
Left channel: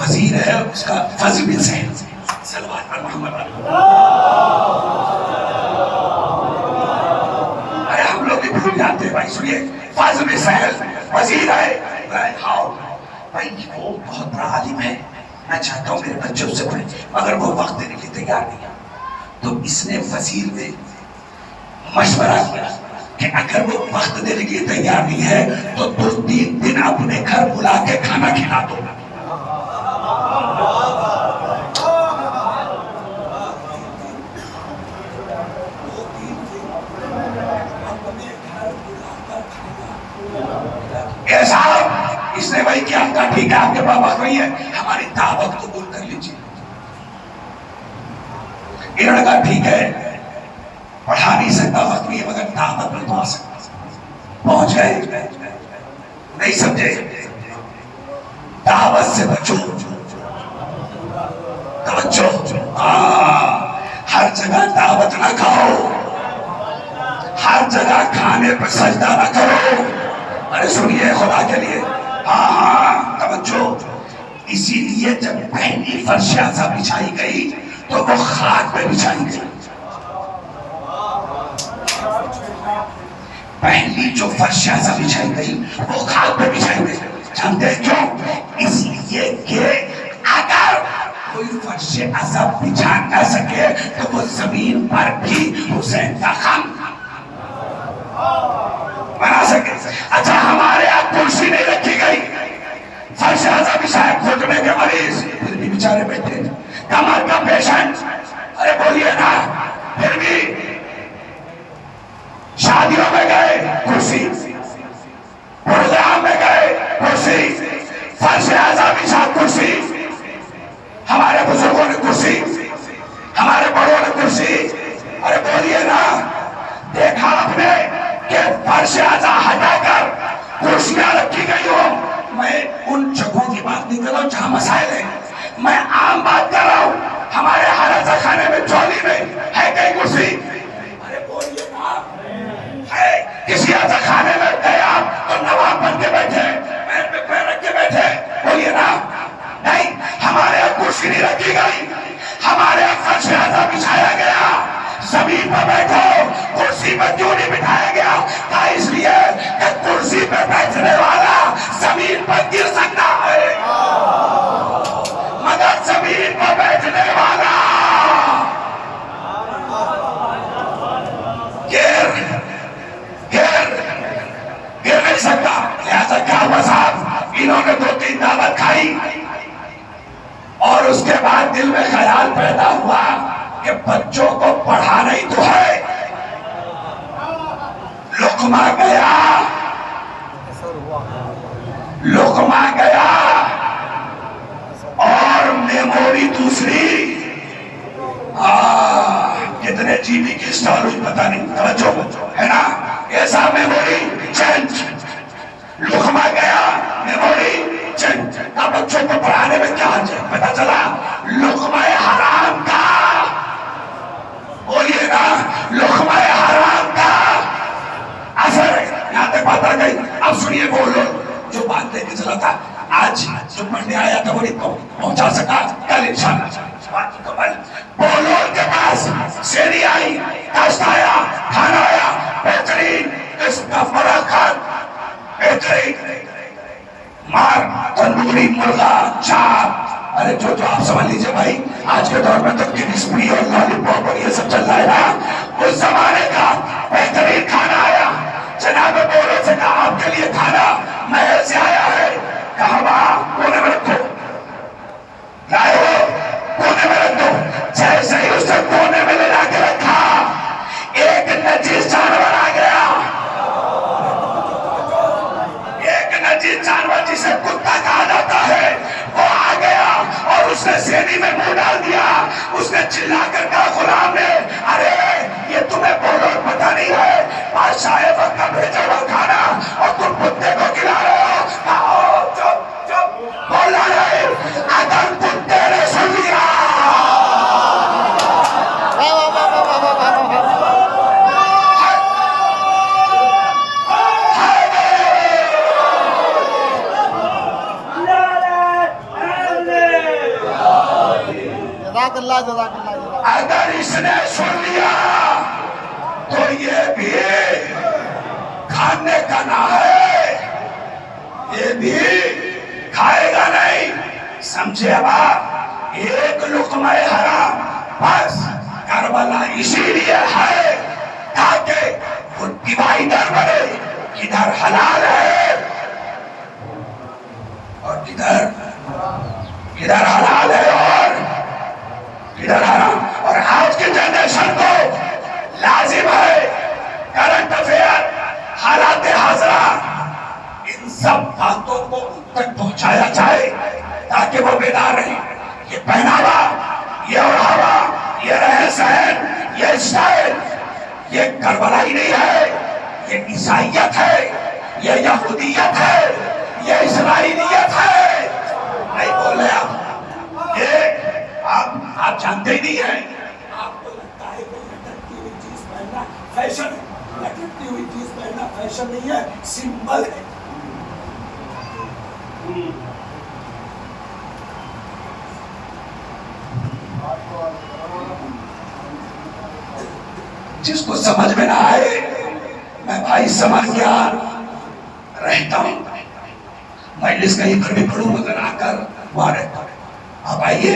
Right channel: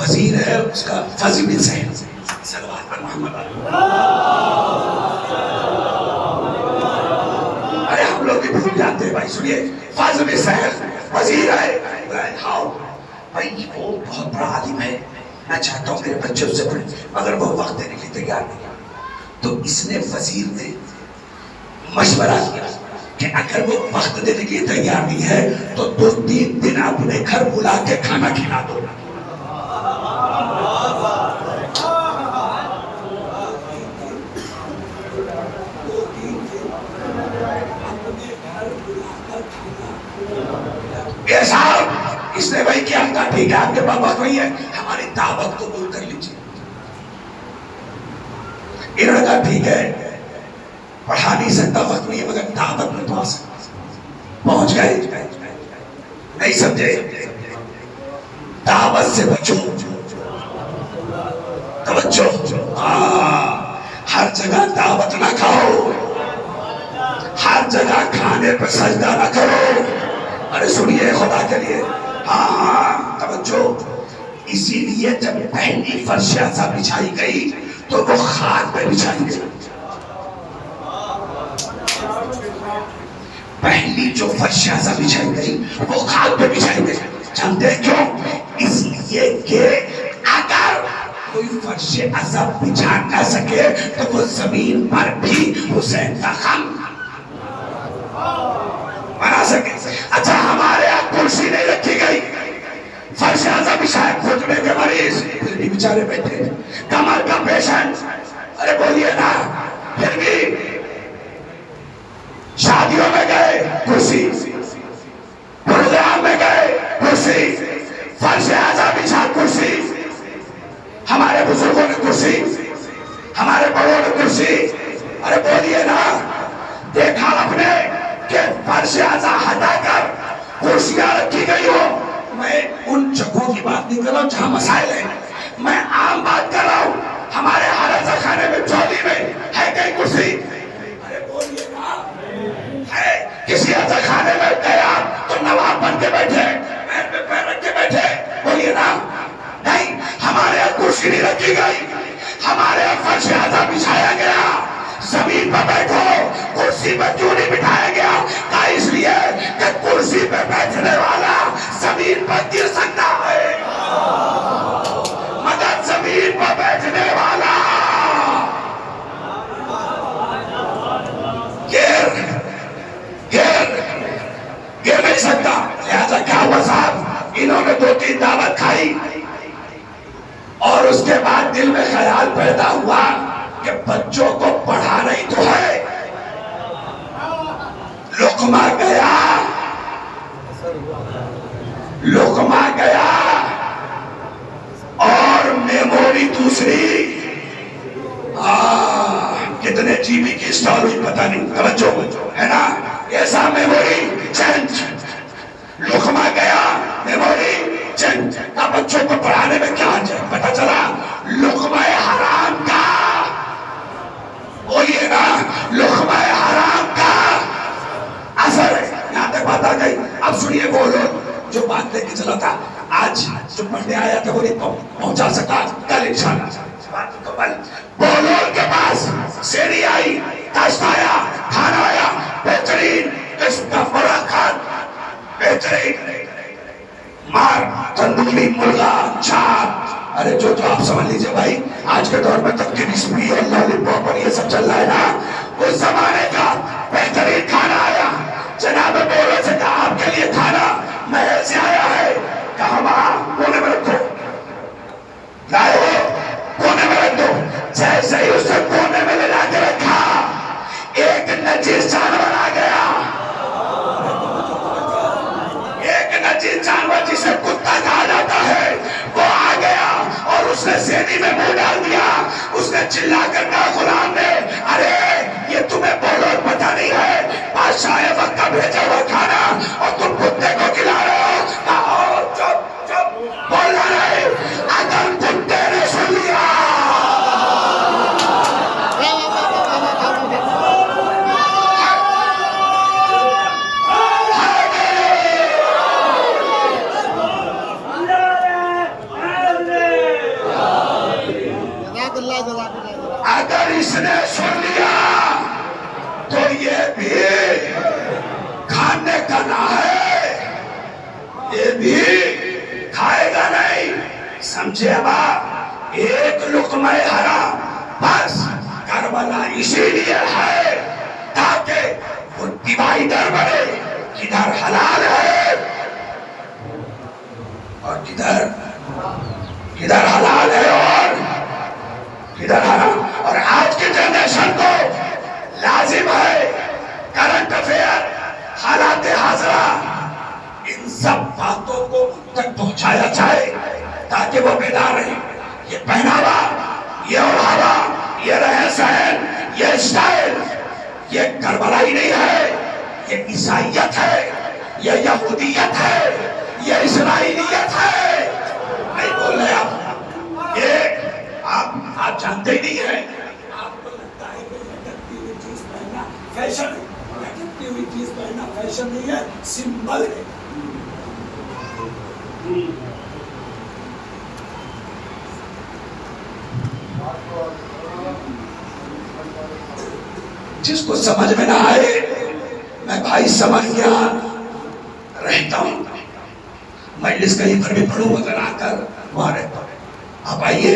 وزیر ہے اس کا فضل بن سہل، صلوات پر محمد ارے ہم لوگ بھی بھول جاتے ہیں بھائی. سنیے فضل بن سہل وزیر ہے. بھائی وہ بہت بڑا عالم ہے، میں چاہتا ہوں میرے بچے اس سے پڑھیں، مگر وہ وقت دینے کے لیے تیار نہیں ہے. تو اس نے وزیر نے مشورہ کیا کہ اگر وہ وقت دینے کے لیے تیار نہیں ہے تو 2-3 دن اپنے گھر بلا کے کھانا کھلا دو. صاحب اس نے وہی کیا، کہا ٹھیک ہے آپ کے پاس وقت نہیں ہے، ہماری دعوت قبول کر لیجیے. انہوں نے کہا ٹھیک ہے پڑھا نہیں سکتا وقت نہیں ہے مگر دعوت میں تو آ سکتا. پہنچ گئے، نہیں سمجھے، دعوت سے بچو، توجہ. ہر جگہ دعوت نہ کھاؤ، ہر جگہ کھانے پر سجدہ نہ کرو. ارے سنیے خدا کے لیے، ہاں توجہ. اسی لیے جب پہلی فرش اعظم بچھائی گئی تو وہ خاک پہ بچھائی گئی. پہلی جو فرش اعظم بچھائی گئی وہ خاک پہ بچھائی گئی. جانتے ہیں کیوں؟ اس لیے کہ اگر کوئی فرش اعظم بچھا نہ سکے تو وہ زمین پر بھی حسین کا خان بنا سکے. اچھا ہمارے یہاں کرسی نہیں رکھی گئی، فرش اعظم بچھائے، گھٹنے کے مریض پھر بھی بیچارے بیٹھے، کمر کا پیشنٹ، ارے بولیے نا، پھر بھی شادیوں میں گئے کرسی، پروگرام میں گئے کرسی، فرش اعظم بچھا کرسی. ہمارے بزرگوں نے کرسی، ہمارے بڑوں نے کرسی. ارے بولیے نا، دیکھا آپ نے کہ فرش اعظم ہٹا کر کرسیاں رکھی گئی ہو. میں ان جگہوں کی بات نہیں کر رہا ہوں جہاں مسائل ہیں، میں عام بات کر رہا ہوں. ہمارے حرم خانے میں چولی میں ہے کئی کرسی. ارے بولیے نا، ہے کسی حرم خانے میں گیا تو نواب بن کے بیٹھے، پیر پہ پیر رکھ کے بیٹھے. بولیے نا، نہیں ہمارے یہاں کرسی نہیں رکھی گئی، ہمارے یہاں فرش اعظم بچھایا گیا. زمین پر بیٹھو، کرسی پر کیوں نہیں بٹھایا گیا؟ کہا اس لیے کہ کرسی پہ بیٹھنے والا زمین پر گر سکتا ہے مگر زمین پر بیٹھنے والا گر نہیں سکتا. لہذا کیا ہوا صاحب، انہوں نے 2-3 دعوت کھائی اور اس کے بعد دل میں خیال پیدا ہوا کہ بچوں کو پڑھانا ہی تو ہے. لقمہ گیا، لقمہ گیا اور میموری دوسری. کتنے جی بی کی اسٹال ہوئی پتہ نہیں، توجہ ہے نا. ایسا میموری چینج، لقمہ گیا میموری چینج. کا بچوں کو پڑھانے میں کیا حرج ہے؟ پتہ چلا لقمہ حرام کا، بولیے نا، لقمہ حرام کا اثر یہاں تک بات آ گئی. اب سنیے وہ لوگ جو بات لے کے چلا تھا، آج جو پڑھنے آیا تھا وہ نہیں پہنچا سکا، کل انشاءاللہ بات مکمل. بولول کے پاس سیری آئی، کاشت آیا، کھانا آیا، بہترین قسم کا بڑا کھان، بہترین مار تندوری مرغا چاپ. ارے جو آپ سمجھ لیجئے بھائی، آج کے دور میں تک کہ بسمی اور لالی پاپ اور یہ سب چل رہا ہے نا، اس زمانے کا بہترین کھانا آیا. جناب بولو سے کہا آپ کے لیے کھانا محل سے آیا ہے. کہا وہاں کونے میں رکھو، لائے ہو کونے میں رکھ دو. جیسے ہی اس نے کونے میں لے جا کے رکھا، ایک نجیس جانور آ گیا. ایک نجیس جانور جسے کتا کہا جاتا ہے وہ آ گیا اور اس نے سینی میں منہ ڈال دیا. اس نے چلا کر کہا غلام نے، ارے یہ تمہیں بولو پتہ نہیں ہے بادشاہ وقت کا بھیجا ہوا کھانا اور تم کتے کو کھلا رہے ہو. چپ چپ بولنا نہیں، اگر کتے نے سن لیا جزاک اللہ اگر اس نے سن لیا تو یہ بھی کھانے کا نہ ہے، یہ بھی کھائے گا نہیں، سمجھے اب؟ ایک لقمہ حرام بس کربلا اسی لیے ہے تاکہ وہ ڈیوائیڈر بنے، کدھر حلال ہے اور کدھر حلال ہے اور کدھر حرام۔ اور آج کے جنریشن کو لازم ہے کرنٹ افیئر، حالات حاضرہ، ان سب باتوں کو ان تک پہنچایا جائے تاکہ وہ بیدار رہیں۔ یہ پہناوا، یہ اوڑھاوا، یہ رہن سہن، یہ اسٹائل، یہ کربلائی نہیں ہے، یہ عیسائیت ہے، یہ یہودیت ہے، یہ اسرائیلیت ہے۔ نہیں بولے آپ، یہ آپ جانتے ہی نہیں ہیں۔ آپ کو لگتا ہے کہ لٹکتی ہوئی چیز پہننا فیشن ہے، لٹکتی ہوئی چیز پہننا فیشن نہیں ہے، سمبل ہے۔ جس کو سمجھ میں نہ آئے، میں بھائی سمجھ گیا رہتا ہوں، مجلس کہیں پر بھی پڑھوں اگر آ کر وہاں رہتا ہوں۔ اب آئیے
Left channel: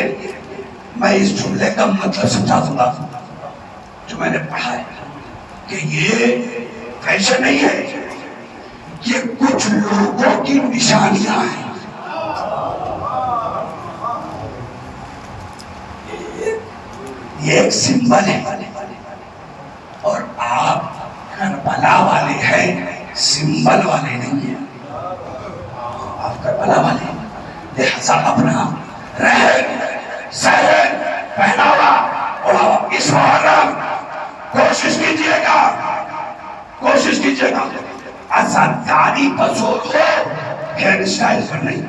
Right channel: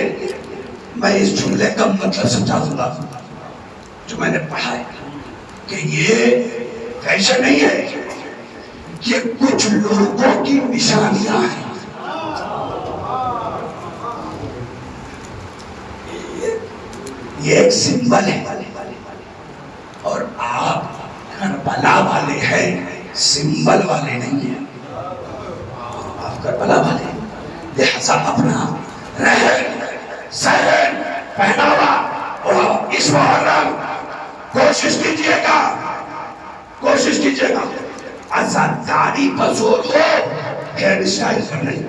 میں اس جملے کا مطلب سمجھا دوں گا جو میں نے پڑھا ہے کہ یہ فیشن نہیں ہے، یہ کچھ لوگوں کی نشانیاں ہیں۔ یہ ایک سمبل ہے اور آپ کربلا والے ہیں، سمبل والے نہیں ہیں۔ آپ کربلا والے ہیں، لہذا اپنا رہن سہن پہناوا اور اس محرم کوشش کیجئے گا عزاداری پر زور ہو، ہیئر اسٹائل پر نہیں۔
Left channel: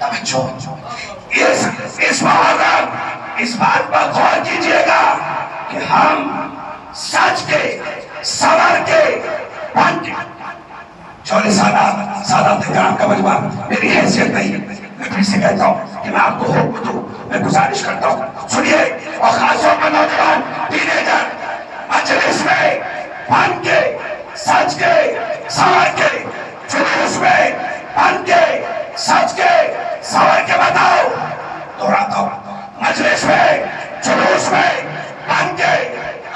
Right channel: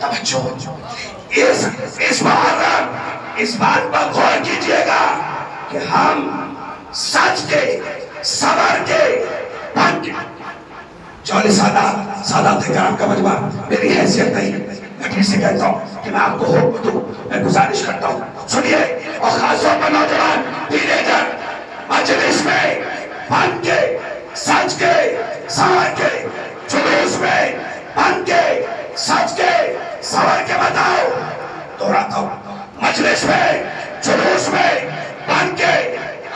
توجہ، اس محرم اس بات پر غور کیجئے گا کہ ہم سچ کے سور کے بن کے چوری سادات اکرام کا مجمع میری حیثیت نہیں، میں پھر سے کہتا ہوں کہ میں آپ کو حکم دوں، میں گزارش کرتا ہوں سنیے، اور خاص طور پر نوجوان ٹینیجر مجلس میں بن کے سچ کے سور کے جلوس میں بن کے سچ کے سور کے بتاؤ، دہراتا ہوں، مجلس میں جلوس میں بن کے،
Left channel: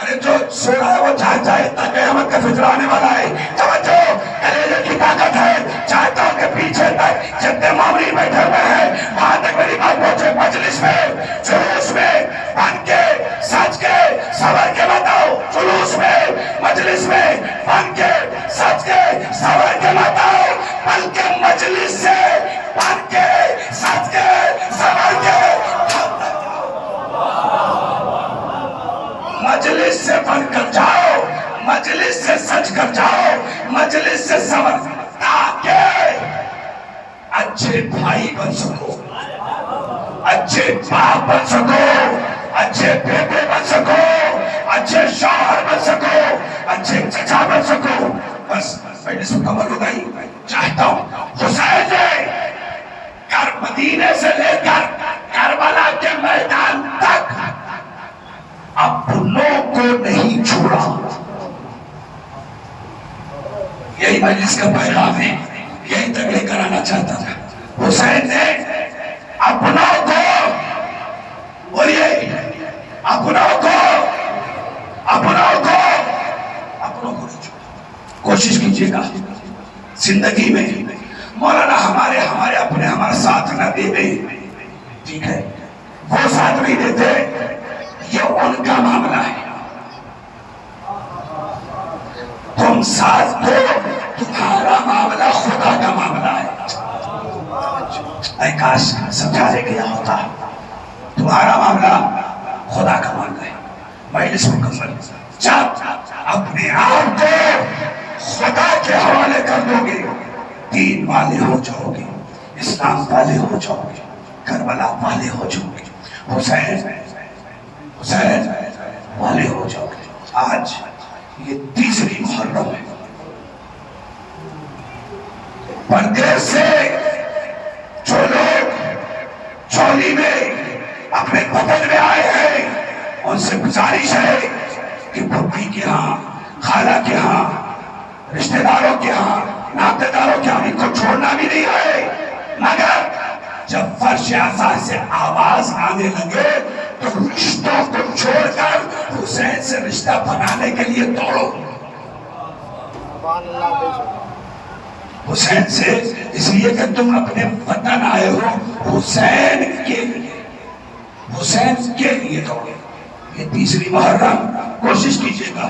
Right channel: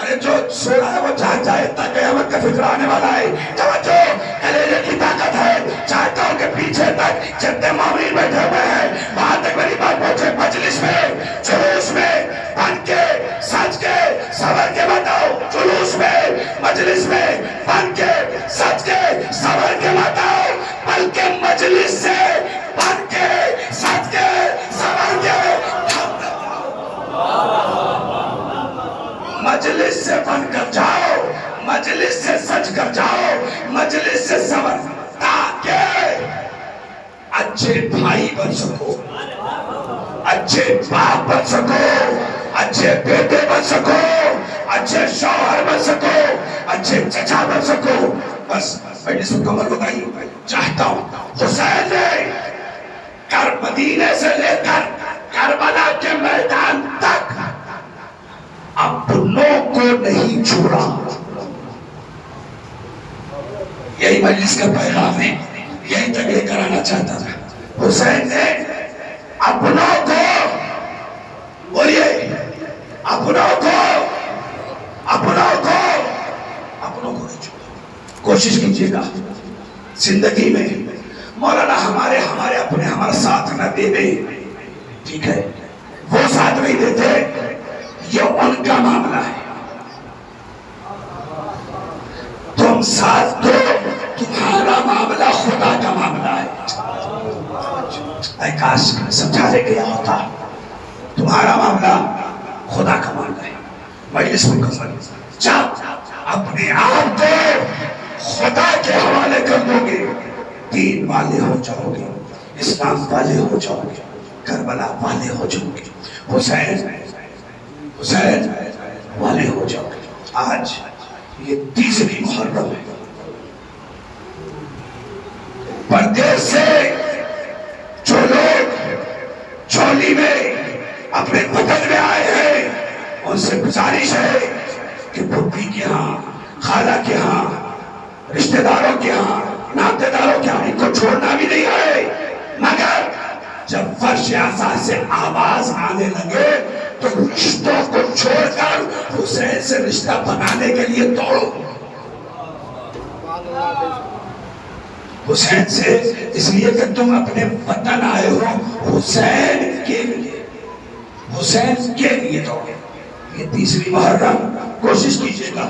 ارے جو سو رہا ہے وہ جان جائے تک قیامت کا فجر آنے والا ہے۔ توجہ، کلیجے کی طاقت ہے، چاہتا ہوں کہ پیچھے تک جتنے مومنین بیٹھے ہوئے ہیں وہاں تک میری بات پہنچے۔ مجلس میں جلوس میں بن کے سچ کے سور کے بتاؤ، جلوس میں مجلس میں بن کے سچ کے سور کے بتاؤ، بلکہ مجلس سے بن کے سچ کے سور کے مجلس سے بن کر جاؤ، مجلس سے سچ کر جاؤ، مجلس سے سمجھ، تاکہ اچھے بھائی بن سکو، اچھے باپ بن سکو، اچھے بیٹے بن سکو، اچھے شوہر بن سکو، اچھے چچا بن سکو۔ بس مجلس مکمل ہو گئی۔ چاہتا ہوں حسین نے مدینے سے لے کر کربلا کے میدان تک اپنوں کو نہیں چھوڑا۔ یہی مجلس کا پیغام ہے، یہی تبلیغ کرانا چاہتا تھا۔ حسین نے اپنوں کو، بولیے، اپنوں کو نہیں چھوڑا۔ کوشش کیجئے گا زندگی میں مولانا ہمارے اپنے ہمارا ساتھ نہ دے دے، ٹھیک ہے، وہ ساتھ نہیں دیتے، یہ ان کا معاملہ ہے، تم ساتھ دو، تمہارا معاملہ خدا کا معاملہ ہے۔ اے کاش سمجھا دے گیا ہوتا، تمہارا معاملہ خدا کا معاملہ ہے۔ مجلس مکمل، جب اپنے آپ کو خدا کے حوالے کر دو گے، دین والے ہو جاؤ گے، اسلام والے ہو جاؤ گے، کربلا والے ہو جاؤ گے، حسین والے ہو جاؤ گے۔ آج یہ تیسری محرم ہے، پردیس سے جو لوگ چولی میں اپنے بدن میں پھپھی کے ہاں، خالہ کے ہاں، رشتہ داروں کے ہاں، ناطے داروں کے ہاں، ان کو چھوڑنا بھی نہیں ہے، مگر جب فرش اعضاء سے آواز آنے لگے تو رشتوں کو چھوڑ کر حسین سے رشتہ بنانے کے لیے دوڑو۔ حسین سے اس لیے کہ تم اپنے وطن آئے ہو، حسین کے لیے، حسین کے لیے دوڑو۔ یہ تیسری محرم کوشش کیجئے گا،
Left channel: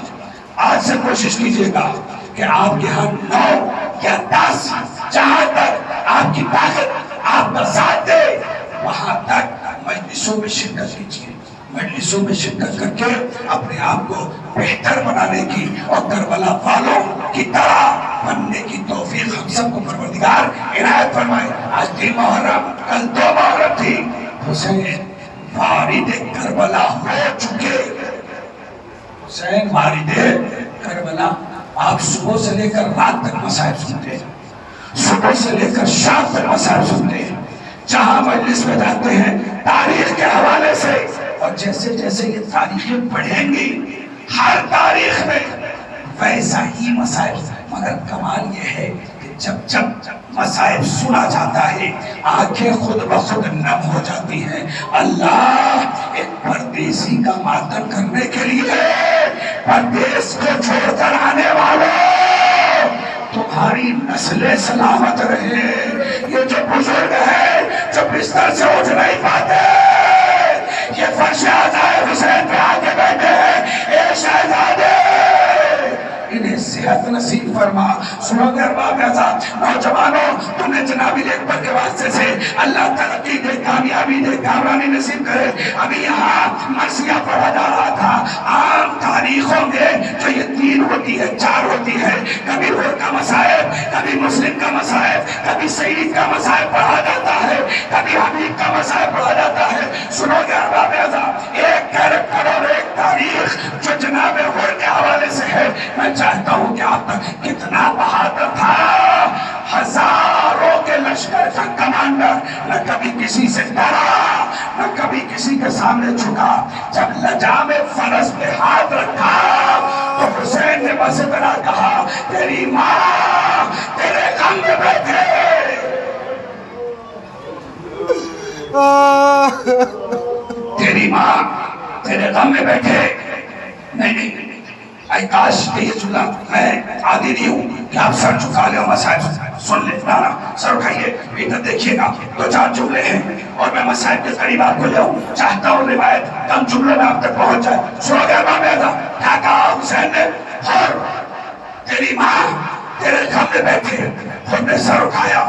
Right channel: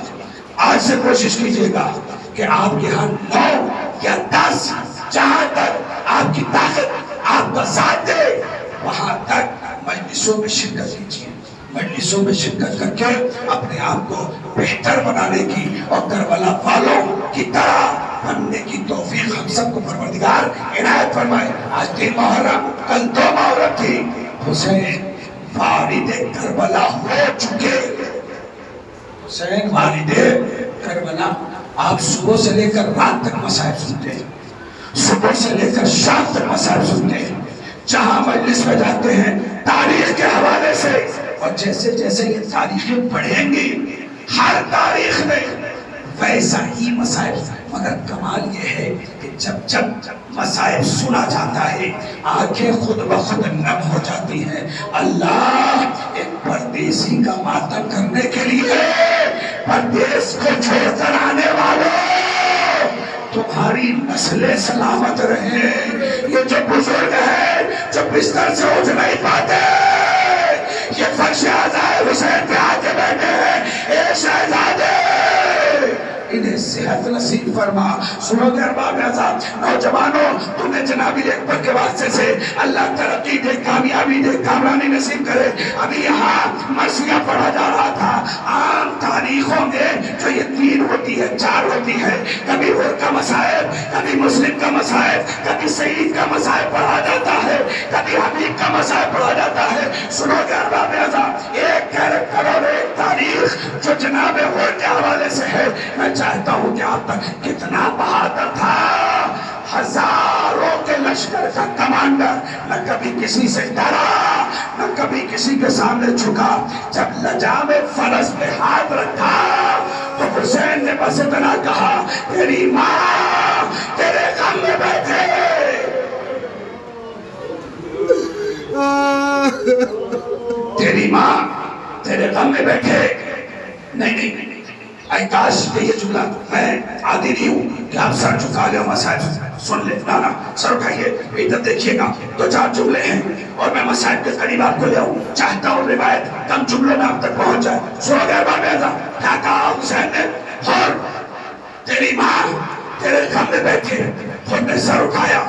آج سے کوشش کیجئے گا کہ آپ کے ہاں 9 یا 10 جہاں تک آپ کی طاقت آپ کا ساتھ دے وہاں تک مجلسوں میں شرکت کیجئے، مجلسوں میں شرکت کر کے اپنے آپ کو بہتر بنانے کی اور کربلا والوں کی طرح بننے کی توفیق ہم سب کو پروردگار عنایت فرمائے۔ آج 3 محرم، کل 2 محرم تھی، حسین وارد کربلا ہو چکے، حسین وارد کربلا۔ آپ صبح سے لے کر رات تک مصائب سنتے ہیں، صبح سے لے کر شام تک مصائب سنتے ہیں، جہاں مجلس میں جاتے ہیں تاریخ کے حوالے سے، اور جیسے جیسے یہ تاریخیں پڑھیں گی ہر تاریخ میں ویسا ہی مصائب، مگر کمال یہ ہے کہ جب جب مصائب سنا جاتا ہے آنکھیں خود بخود نم ہو جاتی ہیں۔ اللہ ایک پردیسی کا ماتم کرنے کے لیے پردیس کو چھوڑ کر آنے والوں تمہاری نسلیں سلامت رہے۔ یہ جو بزرگ ہیں جو بستر سے اٹھ نہیں پاتے، یہ فرش اعضاء حسین پہ آ کے بیٹھے ہیں، اے شہزادے انہیں صحت نصیب فرما۔ سنو گے ارباب اعزاز، نوجوانوں، تمہیں جناب اکبر کے واسطے سے اللہ ترقی دے، کامیابی دے، کامرانی نصیب کرے۔ ابھی یہاں مرثیہ پڑھا جا رہا تھا، عام تاریخوں میں جو یہ 3 ہوتی ہے 4 ہوتی ہے، کبھی غور کا مصائب، کبھی مسلم کا مصائب، کبھی سعید کا مصائب پڑھا جاتا ہے، کبھی حبیب کا مصائب پڑھا جاتا ہے۔ سنو گے ارباب اعزاز، ایک کیریکٹر اور ایک تاریخ جو جناب غور کے حوالے سے ہے، میں چاہتا ہوں کہ آپ تک کتنا بہادر تھا، ہزاروں کے لشکر کا کمانڈر، نہ کبھی کسی سے ڈرا، نہ کبھی کسی کے سامنے جھکا، جب لجام فرس پہ ہاتھ رکھا تو حسین نے بس اتنا کہا، تیری ماں تیرے غم میں بیٹھے، تیری ماں تیرے غم میں بیٹھے۔ نہیں، اے کاش کہ یہ جملہ، میں عادی نہیں ہوں کہ آپ سر جھکا لیں اور مصائب سن لیں، نہ سر اٹھائیے، ادھر دیکھیے گا، 2-4 جملے ہیں اور میں مصائب کے قریب آپ کو لے آؤں، چاہتا ہوں روایت کم جملوں میں آپ تک پہنچ جائے۔ سنو گے ارباب اعزاز، کیا کہا حسین نے؟ اور تیری ماں تیرے غم میں بیٹھے، خود نے سر اٹھایا،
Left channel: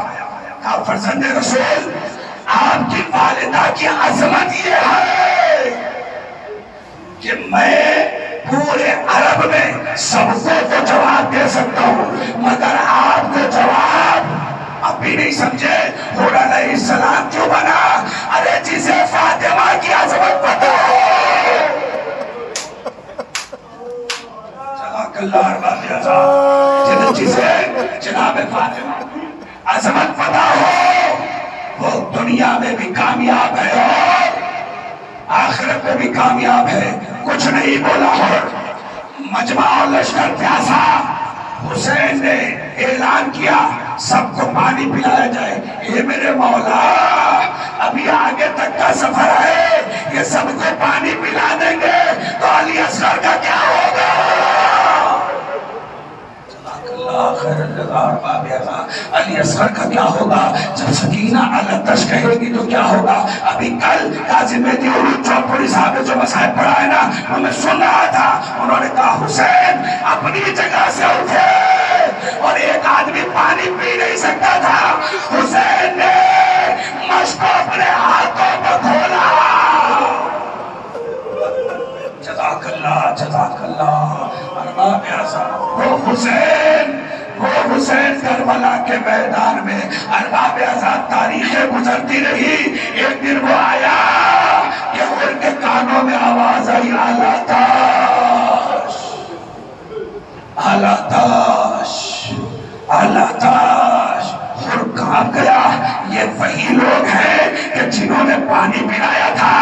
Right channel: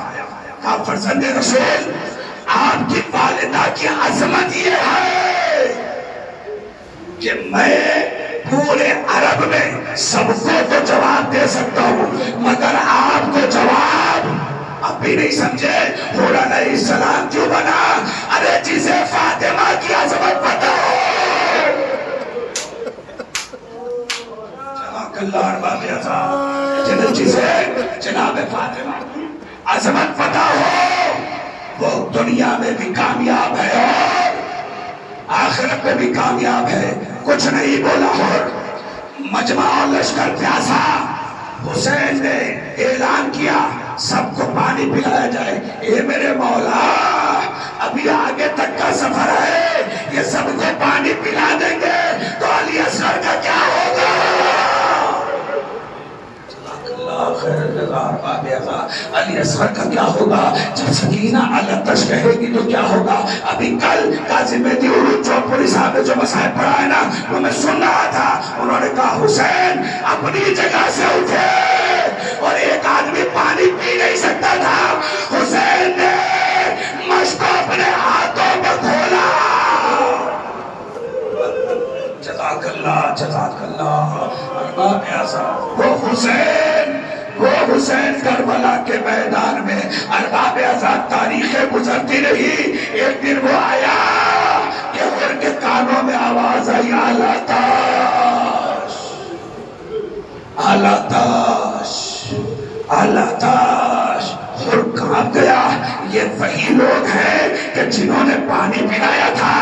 کہا فرزند رسول، آپ کی والدہ کی عظمت یہ ہے کہ میں پورے عرب میں سب کو تو جواب دے سکتا ہوں، مگر آپ کو جواب اب بھی نہیں سمجھے۔ حور علیہ السلام کیوں بنا؟ ارے جسے فاطمہ کی عظمت پتا ہو، جزاک اللہ ارباب اعزاز، جسے جناب فاطمہ کی عظمت پتا ہو وہ دنیا میں بھی کامیاب ہے اور آخرت میں بھی کامیاب ہے۔ کچھ نہیں بولا اور مجمع لشکر پیاسا، حسین نے اعلان کیا سب کو پانی پلایا جائے۔ اے میرے مولا، ابھی آگے تک کا سفر ہے، یہ سب کو پانی پلا دیں گے تو علی اصغر کا کیا ہوگا؟ علی اصغر کا کیا ہوگا؟ جب سکینہ علتش کہے گی تو کیا ہوگا؟ ابھی کل قاضی مہدی عروج چوپڑی صاحب جو مسائب پڑھا ہے نا، وہ میں سن رہا تھا، انہوں نے کہا حسین اپنی جگہ سے اٹھے اور ایک آدمی پانی پی نہیں سکتا تھا، حسین نے مشک کو اپنے ہاتھوں میں کھولا۔ جزاک اللہ، جزاک اللہ۔ وہ حسین کربلا کے میدان میں ارباب اعزاز تاریخیں گزرتی رہی، ایک دن وہ آیا کہ ان کے کانوں میں آواز آئی، اعلیٰ تاش، اعلیٰ تاش، اعلیٰ تاش۔ اور کہاں گیا؟ یہ وہی لوگ ہیں کہ جنہوں نے پانی پلایا تھا،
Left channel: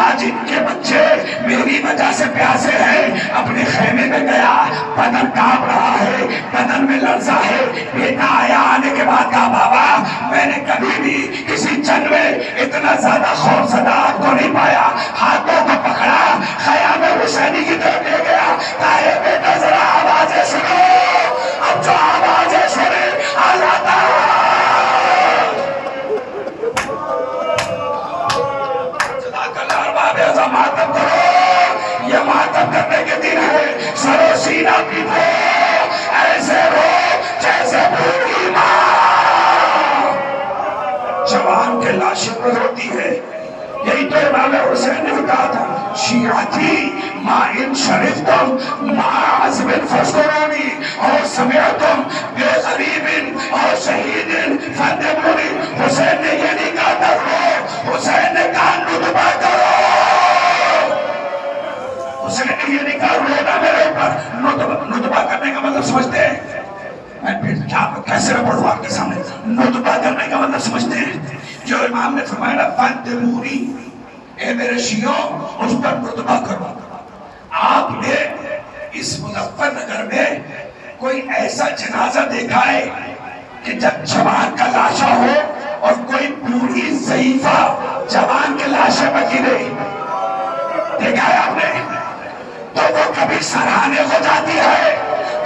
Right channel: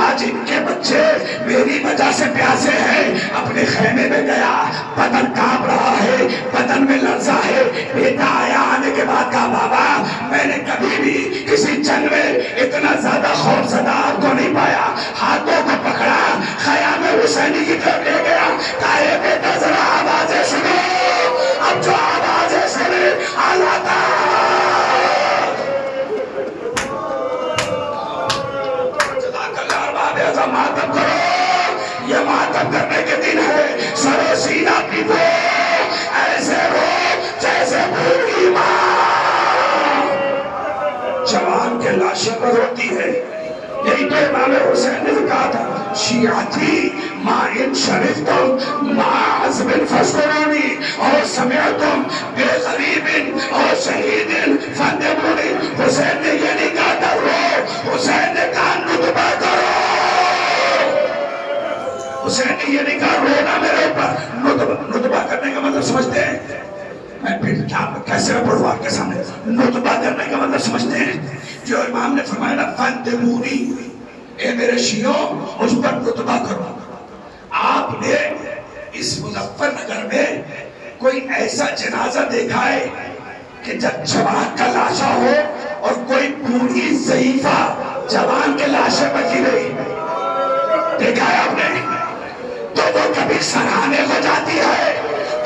آج ان کے بچے میری وجہ سے پیاسے ہیں، اپنے خیمے لے گیا، بدن کانپ رہا ہے، بدن میں لرزہ ہے. بیٹا آیا، آنے کے بعد کہا بابا میں نے کبھی بھی کسی جنگ میں اتنا زیادہ خوف زدہ آپ کو نہیں پایا. ہاتھوں کو پکڑا، خیام حسینی کی طرف لے گیا. کہا اے بیٹا ذرا آوازیں سنو. اب جو آوازیں سنے اللہ تعالیٰ ماتم کرو. یہ ماتم کرنے کے دن ہے. سرو سینہ پیٹو، ایسے رو جیسے بوڑھی ماں جوان کے لاشیں پر روتی ہے. یہی تو امام حسین نے کہا تھا، شیعتی ما ان شرفتم ما عزب فاسکرونی اور سمعتم بغریب اور شہید فاندمونی. حسین نے یہ نہیں کہا تھا رو، حسین نے کہا نطبہ کرو. حسین نے یہ نہیں کہا رونا میرے اوپر. نطبہ کرنے کا مطلب سمجھتے ہیں؟ میں پھر کیسے میں پڑھوں آپ کے سامنے؟ نطبہ کرنے کا مطلب سمجھتے ہیں؟ جو امام نے فرمایا فاندمونی، اے میرے شیعوں اس پر نطبہ کرو. آپ نے اس مظفر نگر میں کوئی ایسا جنازہ دیکھا ہے کہ جب جوان کا لاشا ہو اور کوئی بوڑھی ضعیفہ جوان کے لاشے پر گرے؟ دیکھا ہے آپ نے؟ تو وہ کبھی سراہنے ہو جاتی ہے،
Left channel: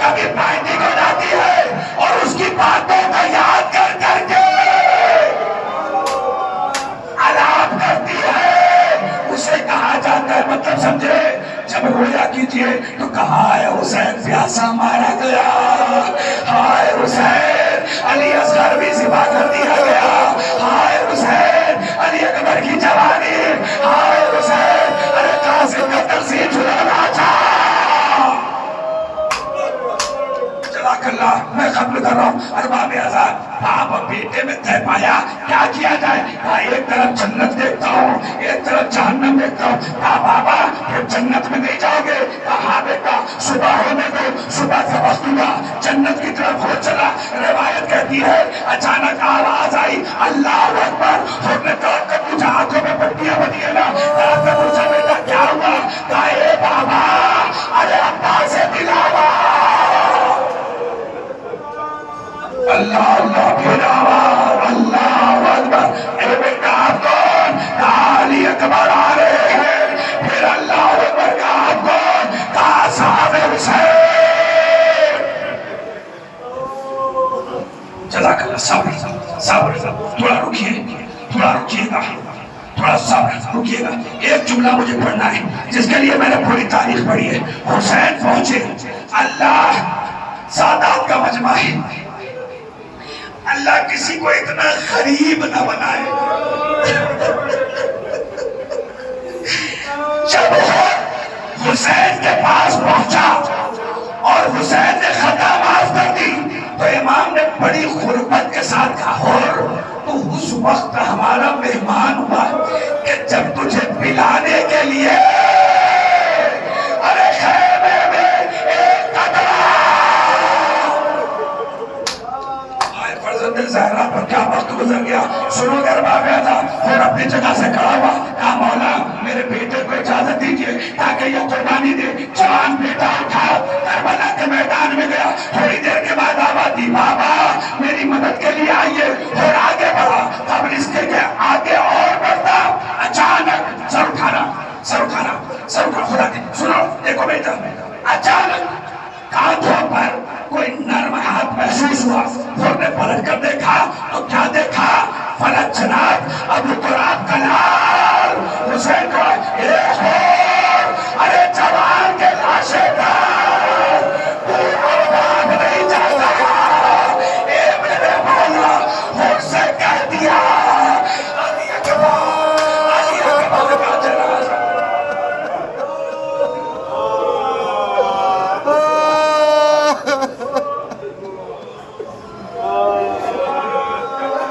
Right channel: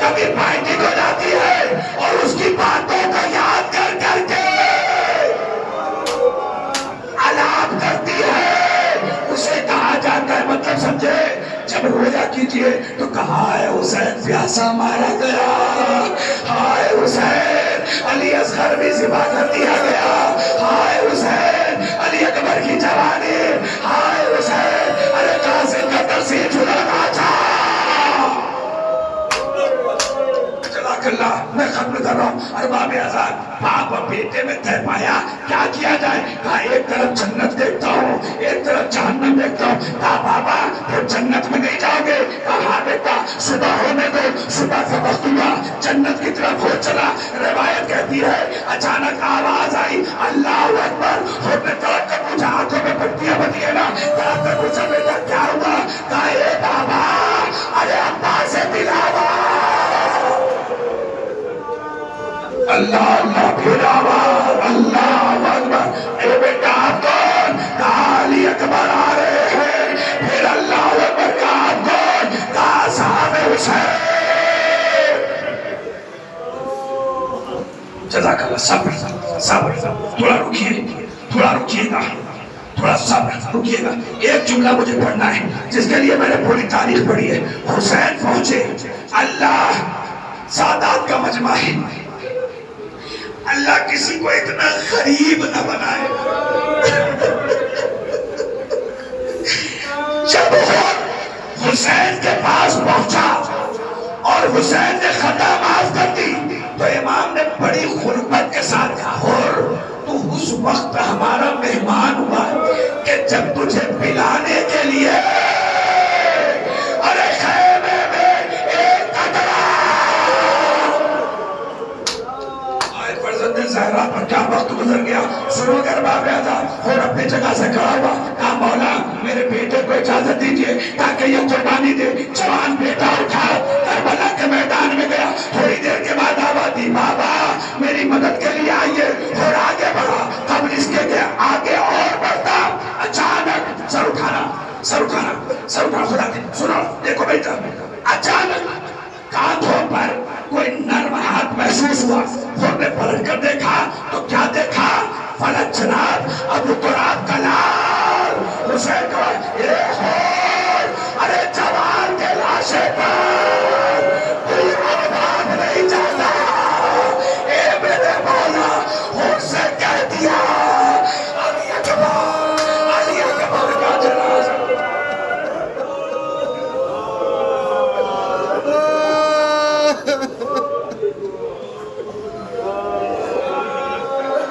کبھی پینٹی ہو جاتی ہے، اور اس کی باتوں کو یاد کر کر کے علام کرتی ہے. اسے کہا جاتا ہے، مطلب سمجھے، جب رویا کیجئے تو کہا ہے حسین پیاسا مارا گیا، ہائے حسین علی اصغر بھی ذبح کر دیا گیا، ہائے حسین علی اکبر کی جوانی، ہائے حسین علی قاسم کا ترسیم چھڑانا تھا. جزاک اللہ. میں ختم کر رہا ہوں. ارباب آزاد، باپ اور بیٹے میں طے پایا کیا کیا جائے. کہا ایک طرف جنت دیکھتا ہوں، ایک طرف جہنم دیکھتا ہوں. کہا بابا پھر جنت میں نہیں جاؤ گے؟ کہا بیٹا صبح ہونے دو. صبح سے وقت ہوا، جنت کی طرف ہو چلا. روایت کہتی ہے اچانک آواز آئی اللہ اکبر. خود نے توڑ کر پوچھا، آنکھوں میں پٹیاں بنی ہے نا؟ کہا پوچھا بیٹا کیا ہوا؟ کہا اے بابا ارے ابا سے دلاوا. اللہ اللہ پھر آواز اللہ اکبر. اے بیٹا آپ کون؟ کہا علی اکبر آ رہے ہیں. پھر اللہ اکبر کا آپ کون؟ کہا صاحب حسین. جزاک اللہ. صبر صبر، تھوڑا رکیے، تھوڑا رکیے گا، تھوڑا صبر رکیے گا. ایک جملہ مجھے پڑھنا ہے جس کے لیے میں نے پوری تاریخ پڑھی ہے. حسین پہنچے، اللہ سادات کا مجمع ہے. اللہ کسی کو اتنا غریب نہ بنائے. جب حسین کے پاس پہنچا اور حسین نے خطا معاف کر دی تو امام نے بڑی غربت کے ساتھ کہا اور تو اس وقت ہمارا مہمان ہوا کہ جب تجھے پلانے کے لیے ارے خیمے میں ایک قدم زہرا پر کیا وقت گزر گیا. سنو دربار میں تھا اور اپنی جگہ سے کھڑا ہوا. کہا مولا میرے بیٹے کو اجازت دیجئے تاکہ یہ قربانی دے. جوان بیٹا اٹھا کربلا کے میدان میں گیا. تھوڑی دیر کے بعد آواز دی بابا میری مدد کے لیے آئیے. اور آگے بڑھا. قبل اس کے آگے اور بڑھتا اچانک سر اٹھانا خدا کے سنو دیکھو بیٹا. اچانک کانھوں پر کوئی نرم ہاتھ محسوس ہوا. خود نے پلٹ کر دیکھا تو کیا دیکھا؟ فلک جناب ابو تراب کا لال حسین کو. ارے جوان کے لاشے پر تو ارباب نہیں جاتا. اے میرے مولا مجھ سے کہہ دیا